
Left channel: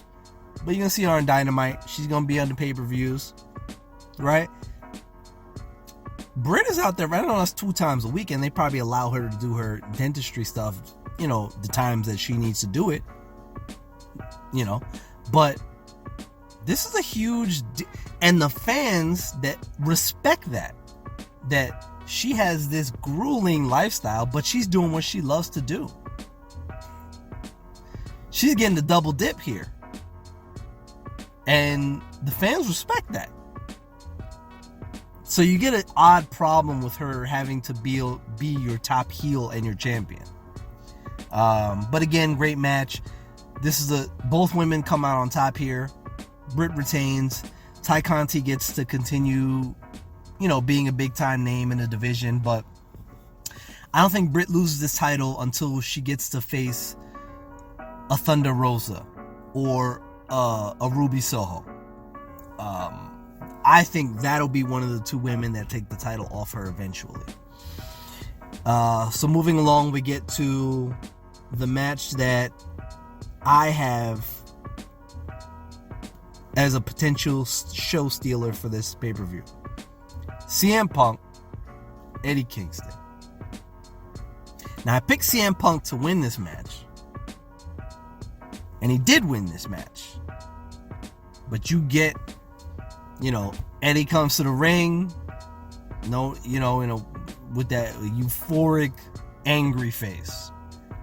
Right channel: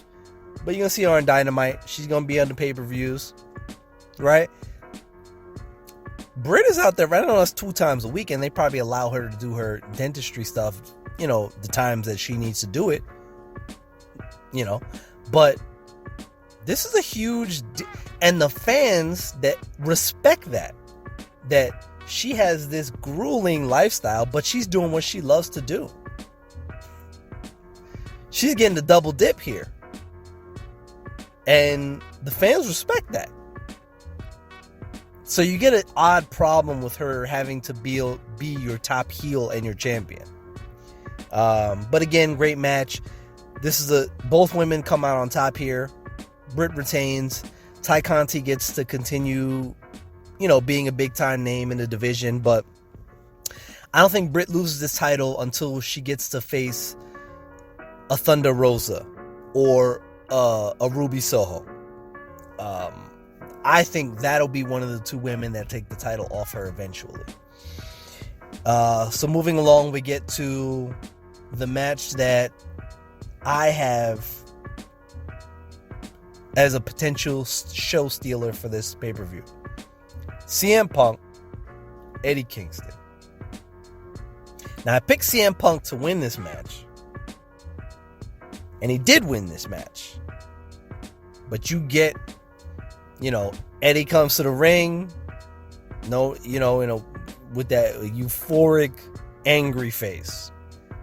but you're going to see her on Dynamite. She's going to be on the pay-per-views, right? Britt is out there, right? I know that's 2 times a week, and they probably allow her to do her dentistry stuff, the times that she needs to do it, But this is a huge... And the fans that respect that she has this grueling lifestyle, but she's doing what she loves to do. She's getting the double dip here. And the fans respect that. So you get an odd problem with her having to be your top heel and your champion. But again, great match. Both women come out on top here. Britt retains. Ty Conti gets to continue, being a big time name in the division, but I don't think Britt loses this title until she gets to face a Thunder Rosa or a Ruby Soho. I think that'll be one of the 2 women that take the title off her eventually. So moving along, we get to the match that I have as a potential show stealer for this pay-per-view. CM Punk, Eddie Kingston. Now, I picked CM Punk to win this match. And he did win this match. But you get, Eddie comes to the ring, with that euphoric, angry face.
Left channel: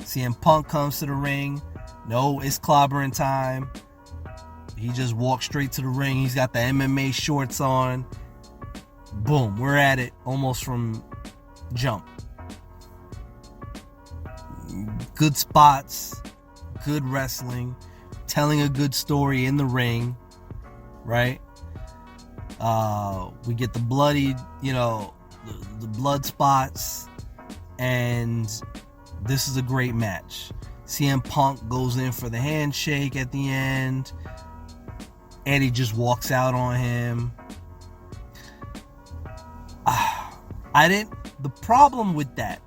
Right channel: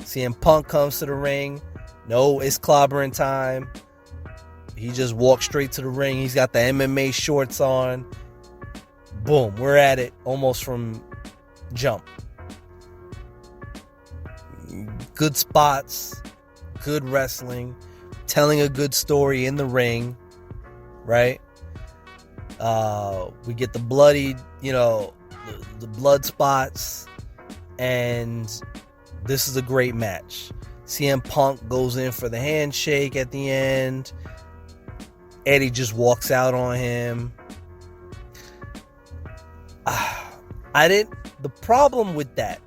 CM Punk comes to the ring. No, it's clobbering time. He just walks straight to the ring. He's got the MMA shorts on. Boom, we're at it almost from jump. Good spots, good wrestling, telling a good story in the ring, right? We get the bloody, the blood spots, and this is a great match. CM Punk goes in for the handshake at the end. Eddie just walks out on him. The problem with that,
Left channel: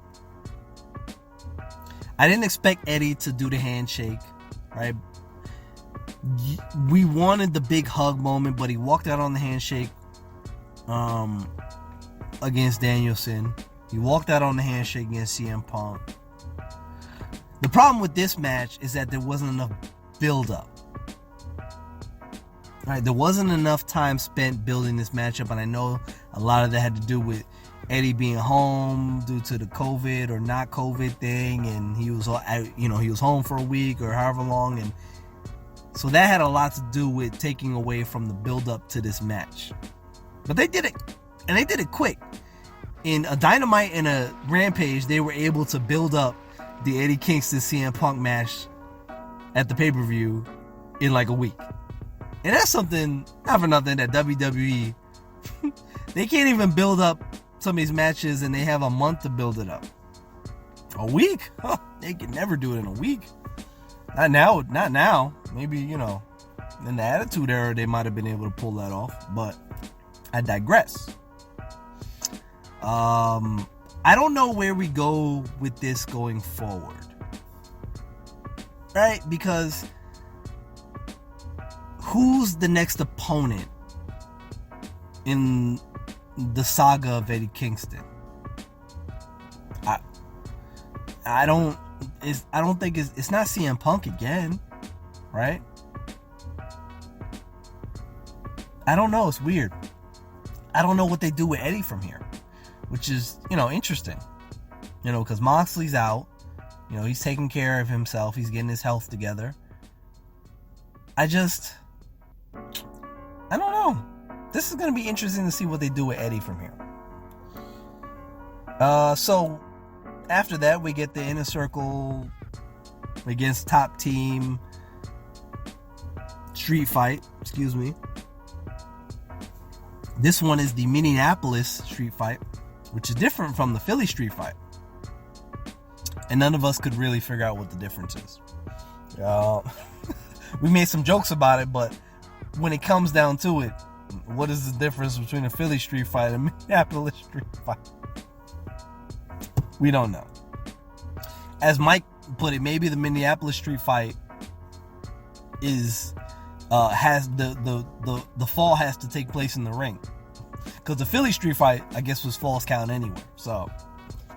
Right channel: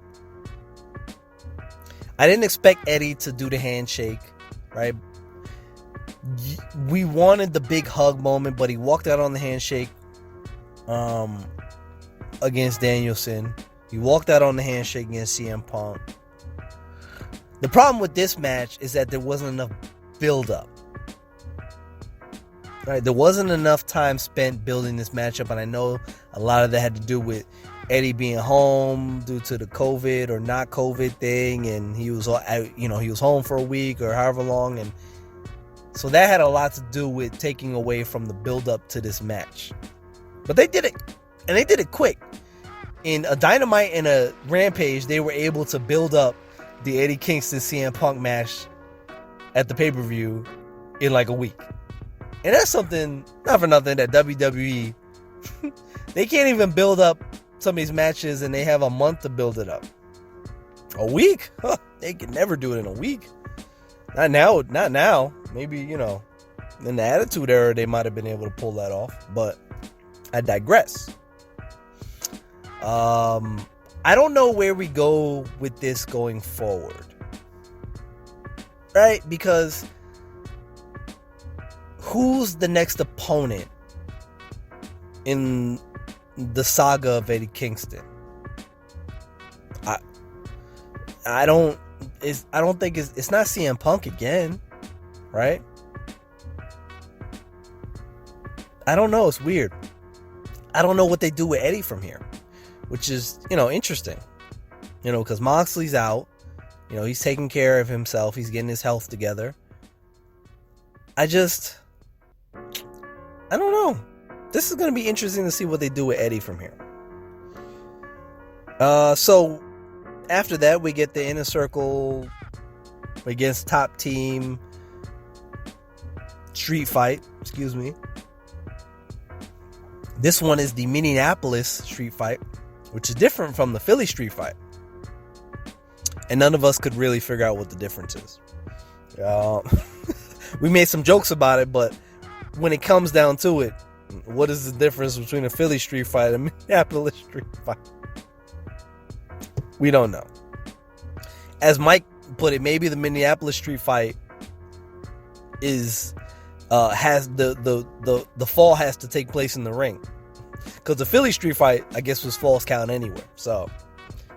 I didn't expect Eddie to do the handshake, right? We wanted the big hug moment, but he walked out on the handshake against Danielson. He walked out on the handshake against CM Punk. The problem with this match is that there wasn't enough build-up. Right? There wasn't enough time spent building this matchup, and I know a lot of that had to do with Eddie being home due to the COVID or not COVID thing, and he was home for a week or however long, and so that had a lot to do with taking away from the build-up to this match. But they did it, and they did it quick. In a Dynamite and a Rampage, they were able to build up the Eddie Kingston CM Punk match at the pay-per-view in like a week. And that's something, not for nothing, that WWE, they can't even build up some of these matches and they have a month to build it up. A week? Huh, they can never do it in a week. Not now. Maybe, in the Attitude Era, they might have been able to pull that off, but I digress. I don't know where we go with this going forward. Right? Because who's the next opponent in the saga of Eddie Kingston? I don't think it's not CM Punk again, right? I don't know. It's weird. I don't know what they do with Eddie from here, which is, interesting. Because Moxley's out. He's taking care of himself. He's getting his health together. I don't know. This is going to be interesting to see what they do with Eddie from here. So after that, we get the Inner Circle against Top Team Street Fight. Excuse me. This one is the Minneapolis Street Fight, which is different from the Philly Street Fight. And none of us could really figure out what the difference is. We made some jokes about it, but when it comes down to it, what is the difference between a Philly Street Fight and a Minneapolis Street Fight? We don't know. As Mike put it, maybe the Minneapolis Street Fight has the fall has to take place in the ring, because the Philly Street Fight, I guess, was falls count anywhere. So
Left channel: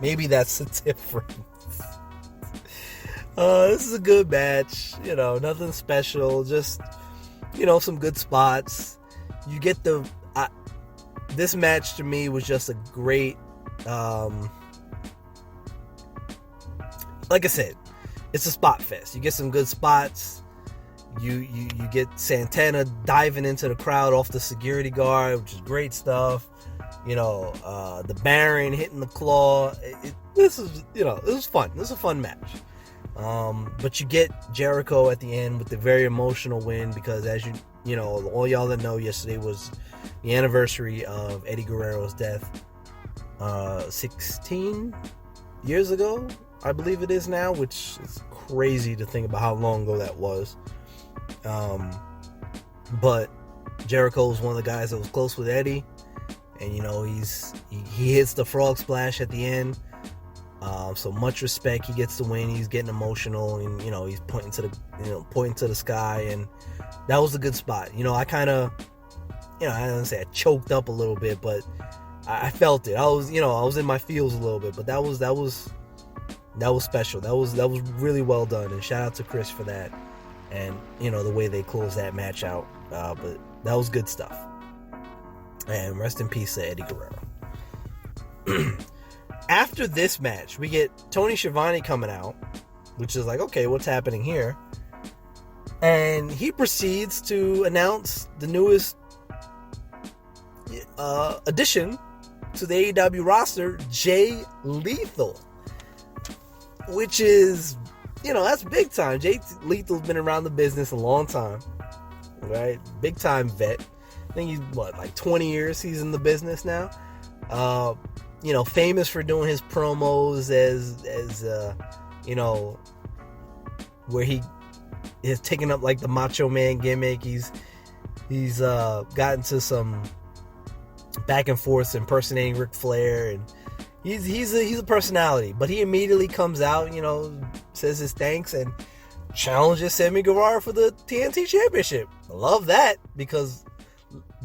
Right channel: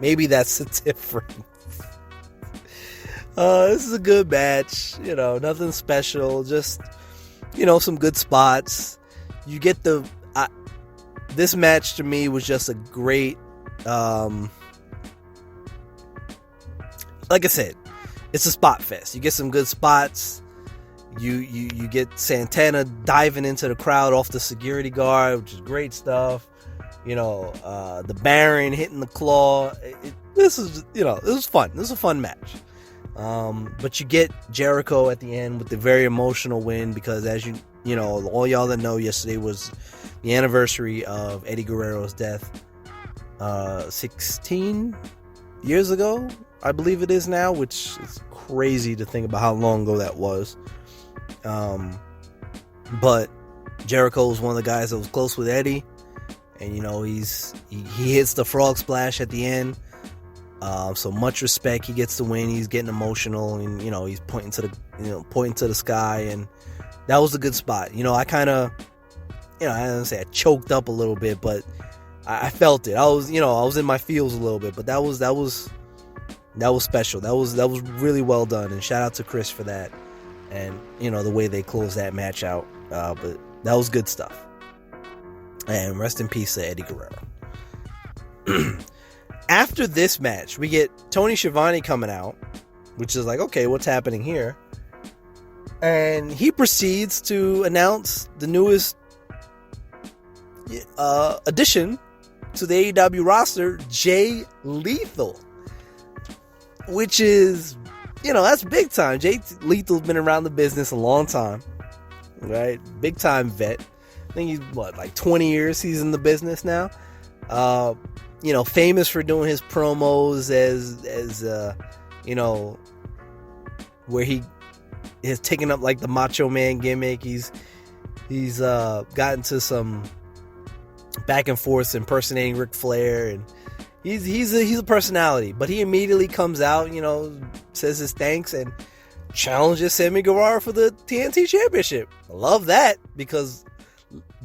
maybe that's the difference. This is a good match. Nothing special. Just some good spots. You get this match to me was just a great. Like I said, it's a spot fest. You get some good spots. You get Santana diving into the crowd off the security guard, which is great stuff. The Baron hitting the claw. It was fun. This is a fun match. But you get Jericho at the end with the very emotional win, because as all y'all that know, yesterday was the anniversary of Eddie Guerrero's death. 16 years ago, I believe it is now, which is crazy to think about how long ago that was. But Jericho was one of the guys that was close with Eddie, and he hits the frog splash at the end. So much respect. He gets the win. He's getting emotional, and he's pointing to the sky, and that was a good spot. I kind of, I don't say I choked up a little bit, but I felt it. I was in my feels a little bit, but that was special. That was really well done, and shout out to Chris for that, and the way they closed that match out. But that was good stuff. And rest in peace to Eddie Guerrero. After this match, we get Tony Schiavone coming out, which is like, okay, what's happening here? And he proceeds to announce the newest addition to the AEW roster, Jay Lethal, which is, that's big time. Jay Lethal's been around the business a long time, right? Big time vet. I think he's like 20 years he's in the business now. Famous for doing his promos as where he is taking up like the Macho Man gimmick. He's gotten to some back and forth impersonating Ric Flair, and he's a personality. But he immediately comes out, says his thanks and challenges Sammy Guevara for the TNT Championship. I love that, because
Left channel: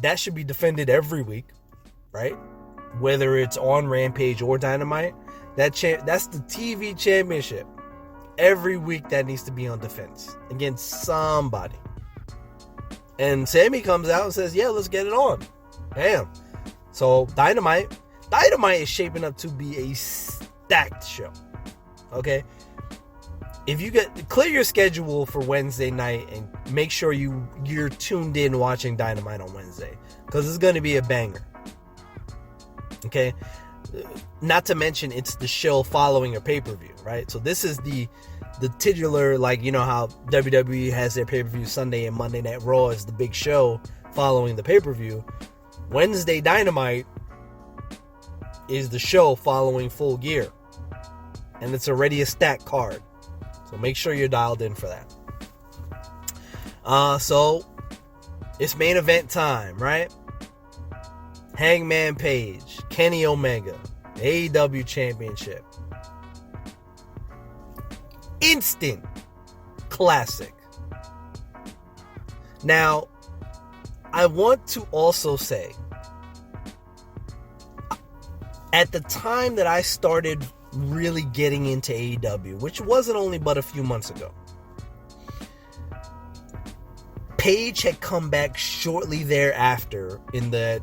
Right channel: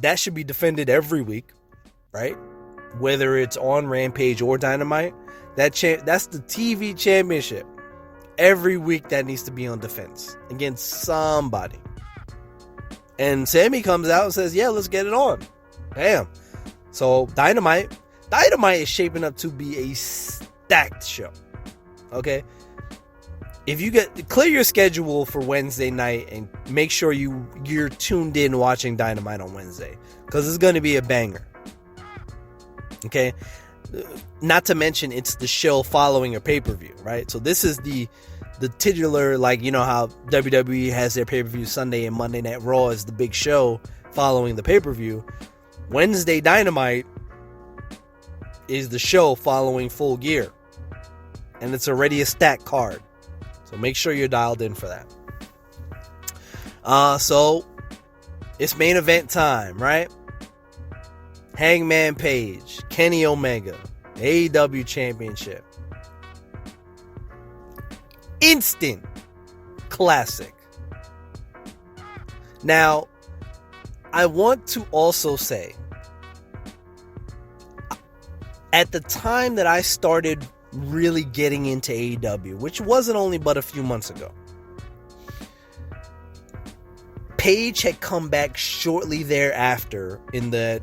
that should be defended every week, right? Whether it's on Rampage or Dynamite, that's the TV championship. every week that needs to be on defense against somebody. And Sammy comes out and says, yeah, let's get it on. Damn. So Dynamite is shaping up to be a stacked show. Okay? If you clear your schedule for Wednesday night and make sure you're tuned in watching Dynamite on Wednesday, because it's going to be a banger. Okay? Not to mention it's the show following a pay-per-view, right? So this is the titular, like, you know how WWE has their pay-per-view Sunday and Monday Night Raw is the big show following the pay-per-view. Wednesday Dynamite is the show following Full Gear. And it's already a stacked card. So make sure you're dialed in for that. So it's main event time, right? Hangman Page, Kenny Omega, AEW Championship. Instant classic. Now, I want to also say, at the time that I started really getting into AEW, which wasn't only but a few months ago, Page had come back shortly thereafter in the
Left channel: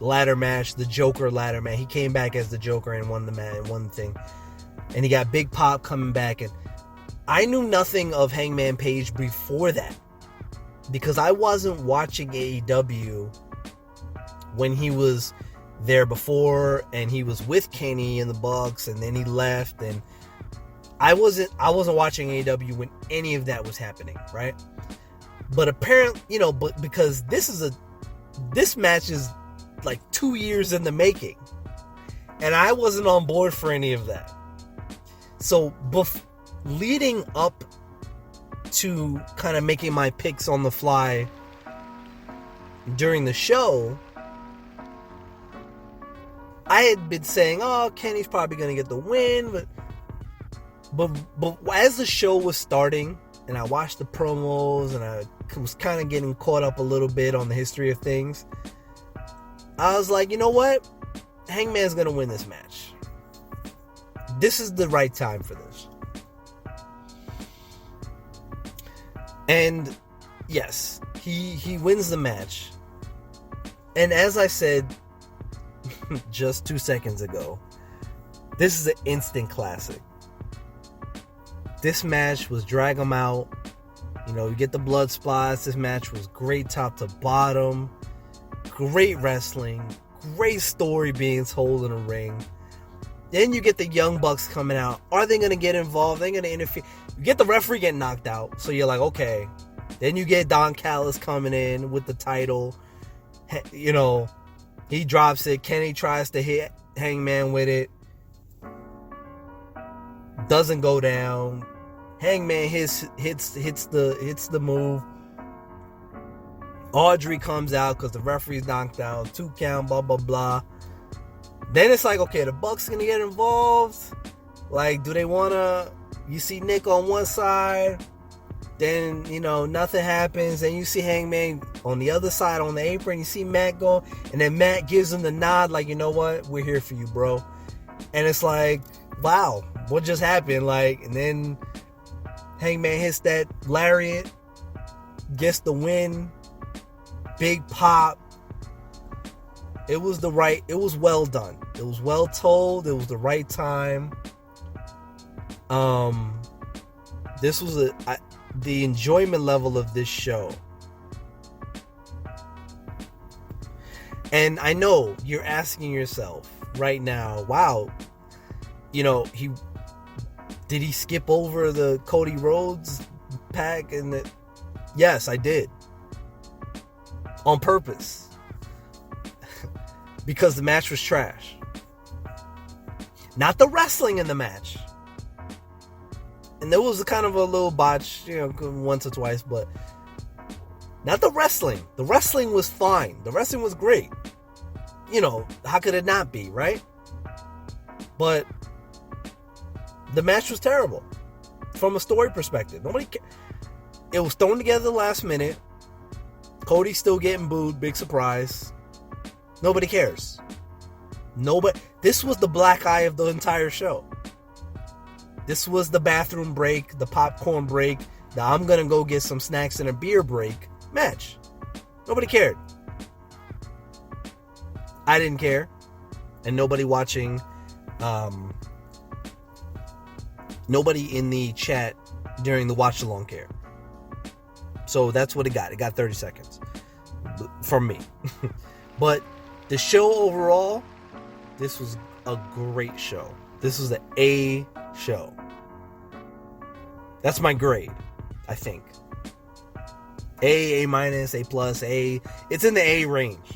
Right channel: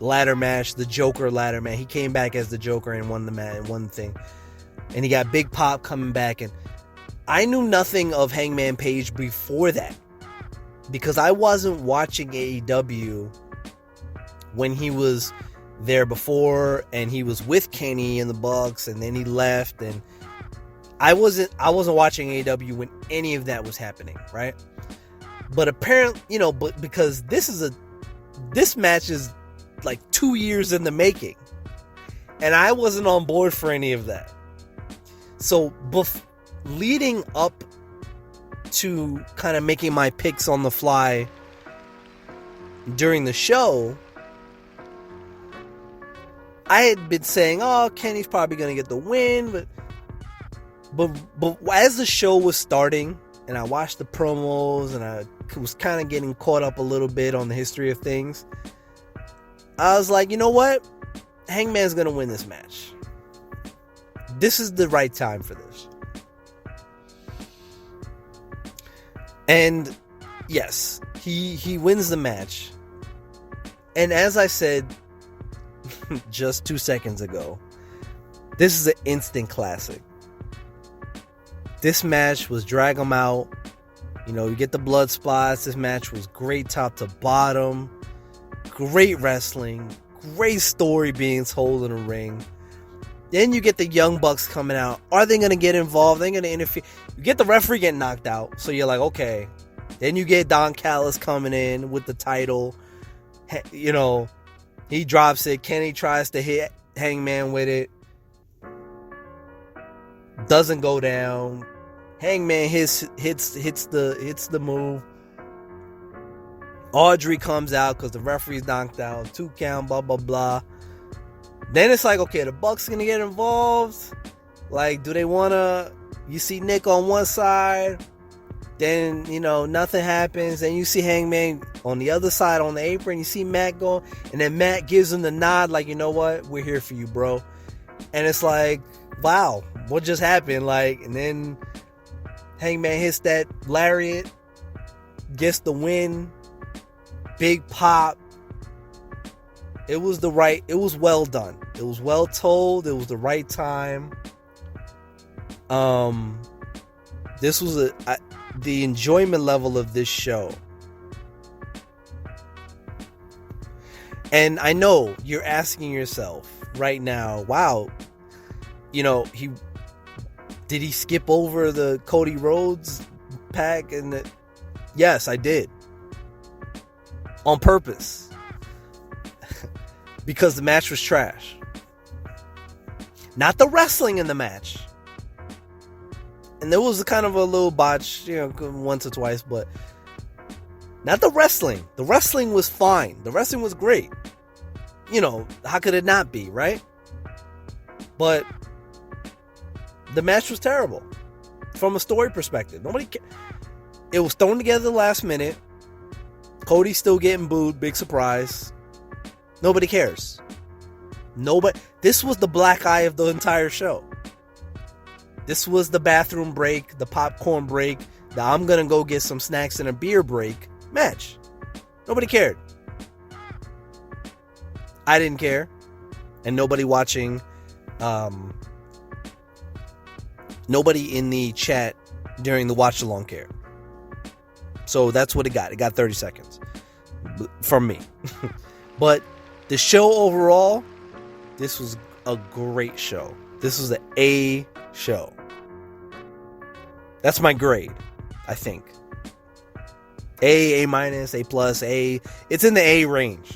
ladder match, the Joker ladder match. He came back as the Joker and won the match, won the thing. And he got Big Pop coming back. And I knew nothing of Hangman Page before that, because I wasn't watching AEW when he was there before, and he was with Kenny and the Bucks, and then he left, and I wasn't watching AEW when any of that was happening, right? But apparently, but because this match is like 2 years in the making, and I wasn't on board for any of that. So leading up to kind of making my picks on the fly during the show, I had been saying, oh, Kenny's probably going to get the win, but as the show was starting and I watched the promos and I was kind of getting caught up a little bit on the history of things, I was like, you know what? Hangman's going to win this match. This is the right time for this. And yes, he wins the match. And as I said just 2 seconds ago, this is an instant classic. This match was drag 'em out. You get the blood spots. This match was great top to bottom. Great wrestling. Great story being told in the ring. Then you get the Young Bucks coming out. Are they going to get involved? Are they going to interfere? You get the referee getting knocked out. So you're like, okay. Then you get Don Callis coming in with the title. He drops it. Kenny tries to hit Hangman with it. Doesn't go down. Hangman hits the move. Audrey comes out because the referee's knocked out. 2 count, blah, blah, blah. Then it's like, okay, the Bucks gonna get involved. Like, do they wanna? You see Nick on one side, then nothing happens. Then you see Hangman on the other side on the apron. You see Matt go, and then Matt gives him the nod, like, you know what, we're here for you, bro. And it's like, wow, what just happened? Like, and then Hangman hits that lariat, gets the win, big pop. It was well done. It was well told. It was the right time. This was the enjoyment level of this show. And I know you're asking yourself right now, wow, did he skip over the Cody Rhodes pack? And yes, I did. On purpose. Because the match was trash. Not the wrestling in the match. And there was kind of a little botch, once or twice, but not the wrestling. The wrestling was fine. The wrestling was great. How could it not be, right? But the match was terrible from a story perspective. It was thrown together last minute. Cody's still getting booed. Big surprise. Nobody cares. This was the black eye of the entire show. This was the bathroom break, the popcorn break, the I'm gonna go get some snacks and a beer break match. Nobody cared. I didn't care. And nobody watching, nobody in the chat during the watch along cared. So that's what it got. It got 30 seconds from me. But the show overall, this was a great show. This was an A show. That's my grade, I think. A minus, A plus, A. It's in the A range.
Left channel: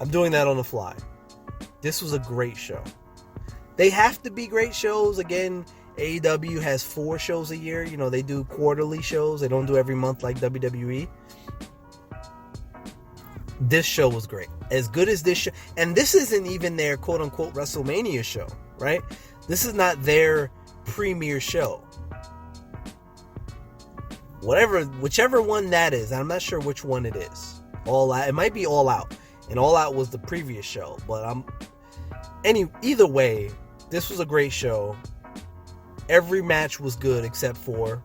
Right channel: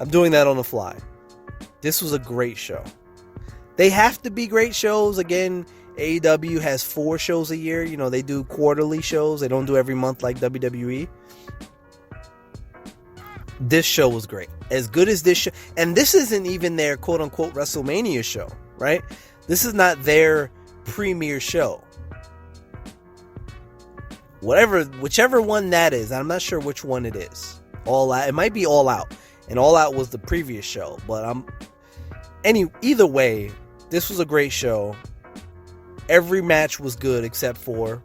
I'm doing that on the fly. This was a great show. They have to be great shows. Again, AEW has 4 shows a year. You know, they do quarterly shows. They don't do every month like WWE. This show was great. As good as this show. And this isn't even their quote-unquote WrestleMania show, right? This is not their premiere show. Whichever one that is. I'm not sure which one it is. All Out. It might be All Out. And All Out was the previous show. But either way, this was a great show. Every match was good except for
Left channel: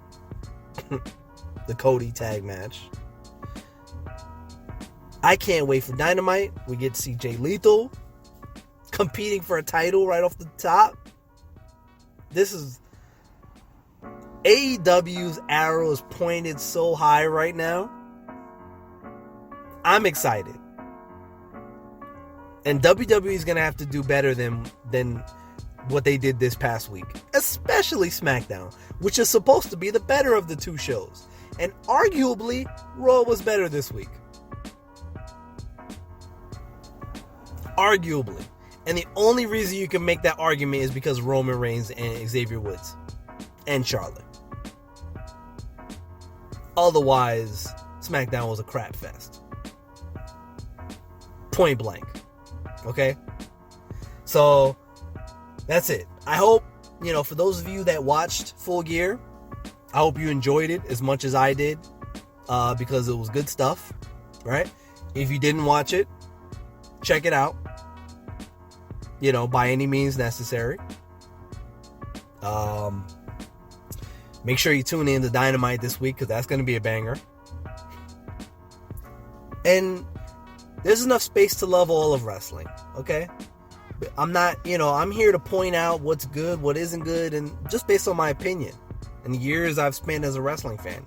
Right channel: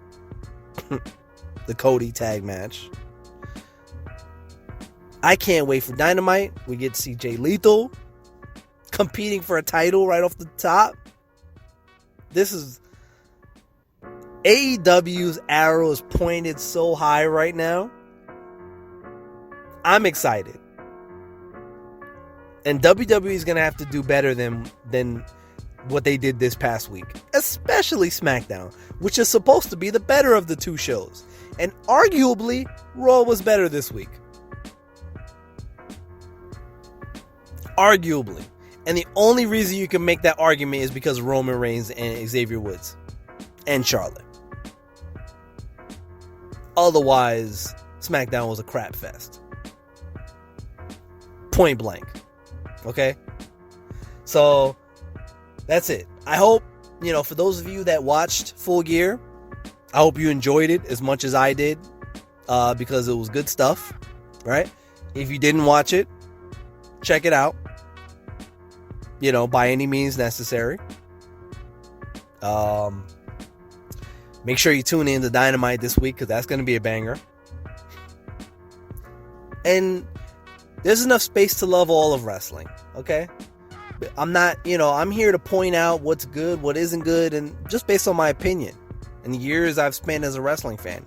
the Cody tag match. I can't wait for Dynamite. We get to see Jay Lethal competing for a title right off the top. This is AEW's arrow is pointed so high right now. I'm excited. And WWE is going to have to do better than what they did this past week. Especially SmackDown, which is supposed to be the better of the 2 shows. And arguably, Raw was better this week. Arguably. And the only reason you can make that argument is because Roman Reigns and Xavier Woods. And Charlotte. Otherwise, SmackDown was a crap fest. Point blank. Okay? So, that's it. I hope, for those of you that watched Full Gear, I hope you enjoyed it as much as I did, because it was good stuff, right? If you didn't watch it, check it out, by any means necessary. Make sure you tune in to Dynamite this week, because that's going to be a banger. And there's enough space to love all of wrestling, okay? I'm not, I'm here to point out what's good, what isn't good, and just based on my opinion and the years I've spent as a wrestling fan,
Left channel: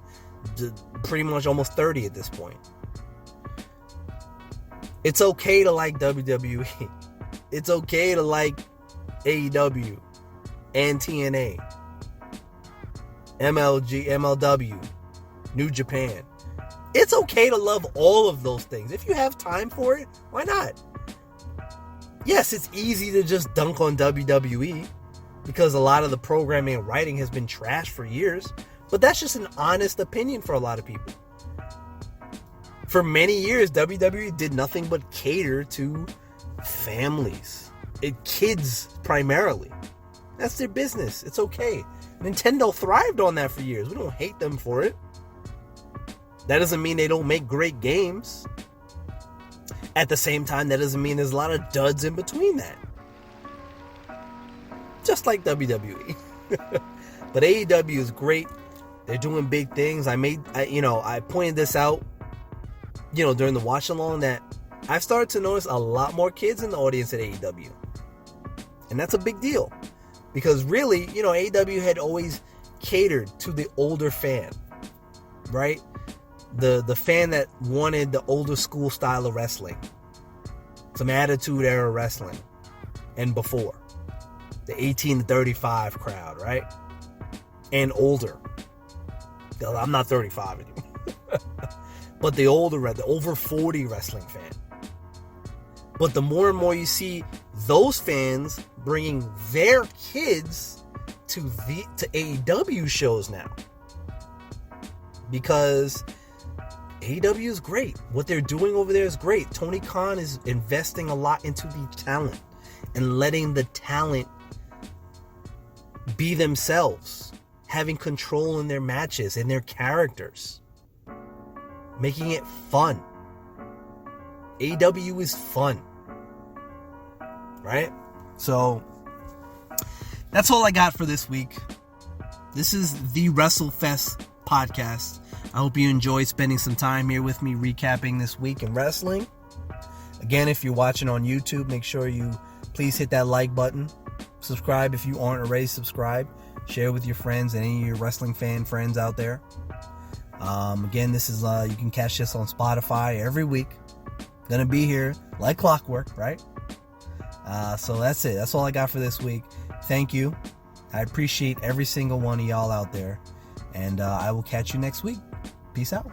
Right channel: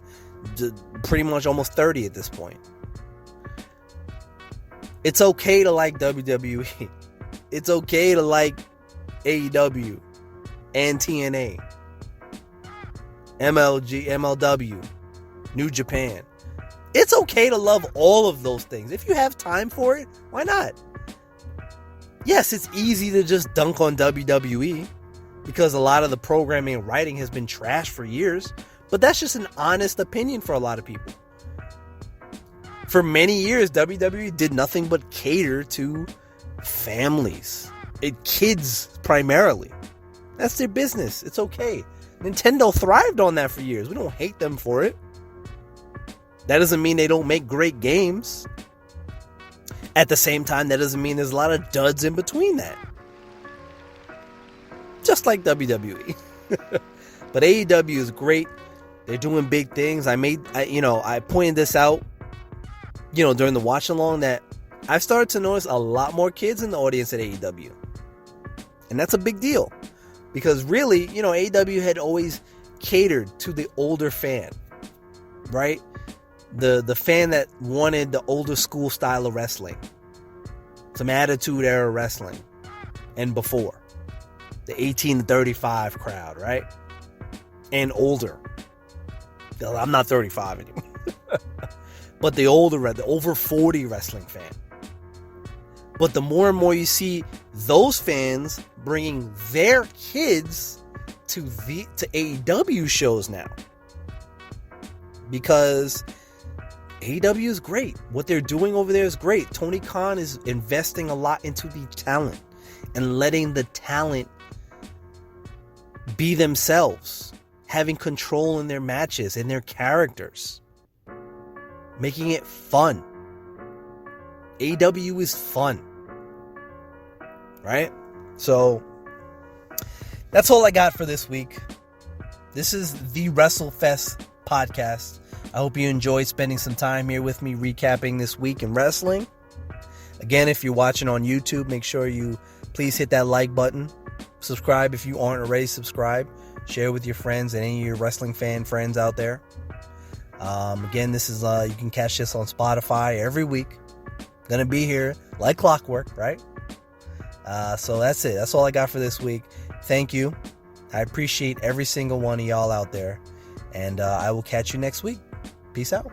pretty much almost 30 at this point. It's okay to like WWE. It's okay to like AEW and TNA, MLW, New Japan. It's okay to love all of those things. If you have time for it, why not? Yes, it's easy to just dunk on WWE because a lot of the programming and writing has been trashed for years, but that's just an honest opinion for a lot of people. For many years, WWE did nothing but cater to families, kids primarily. That's their business. It's okay. Nintendo thrived on that for years. We don't hate them for it. That doesn't mean they don't make great games. At the same time, that doesn't mean there's a lot of duds in between that. Just like WWE. But AEW is great. They're doing big things. I pointed this out, during the watch along, that I've started to notice a lot more kids in the audience at AEW. And that's a big deal. Because really, AEW had always catered to the older fan. Right? The fan that wanted the older school style of wrestling. Some attitude era wrestling. And before. The 18 to 35 crowd, right? And older. I'm not 35 anymore. But the older, the over 40 wrestling fan. But the more and more you see those fans bringing their kids to AEW shows now. Because AEW is great. What they're doing over there is great. Tony Khan is investing a lot into the talent and letting the talent be themselves, having control in their matches and their characters, making it fun. AEW is fun, right? So that's all I got for this week. This is the WrestleFest podcast. I hope you enjoyed spending some time here with me recapping this week in wrestling. Again, if you're watching on YouTube, make sure you please hit that like button. Subscribe if you aren't already subscribed. Share with your friends and any of your wrestling fan friends out there. Again, this is you can catch this on Spotify every week. Gonna be here like clockwork, right? So that's it. That's all I got for this week. Thank you. I appreciate every single one of y'all out there. And I will catch you next week. Peace out.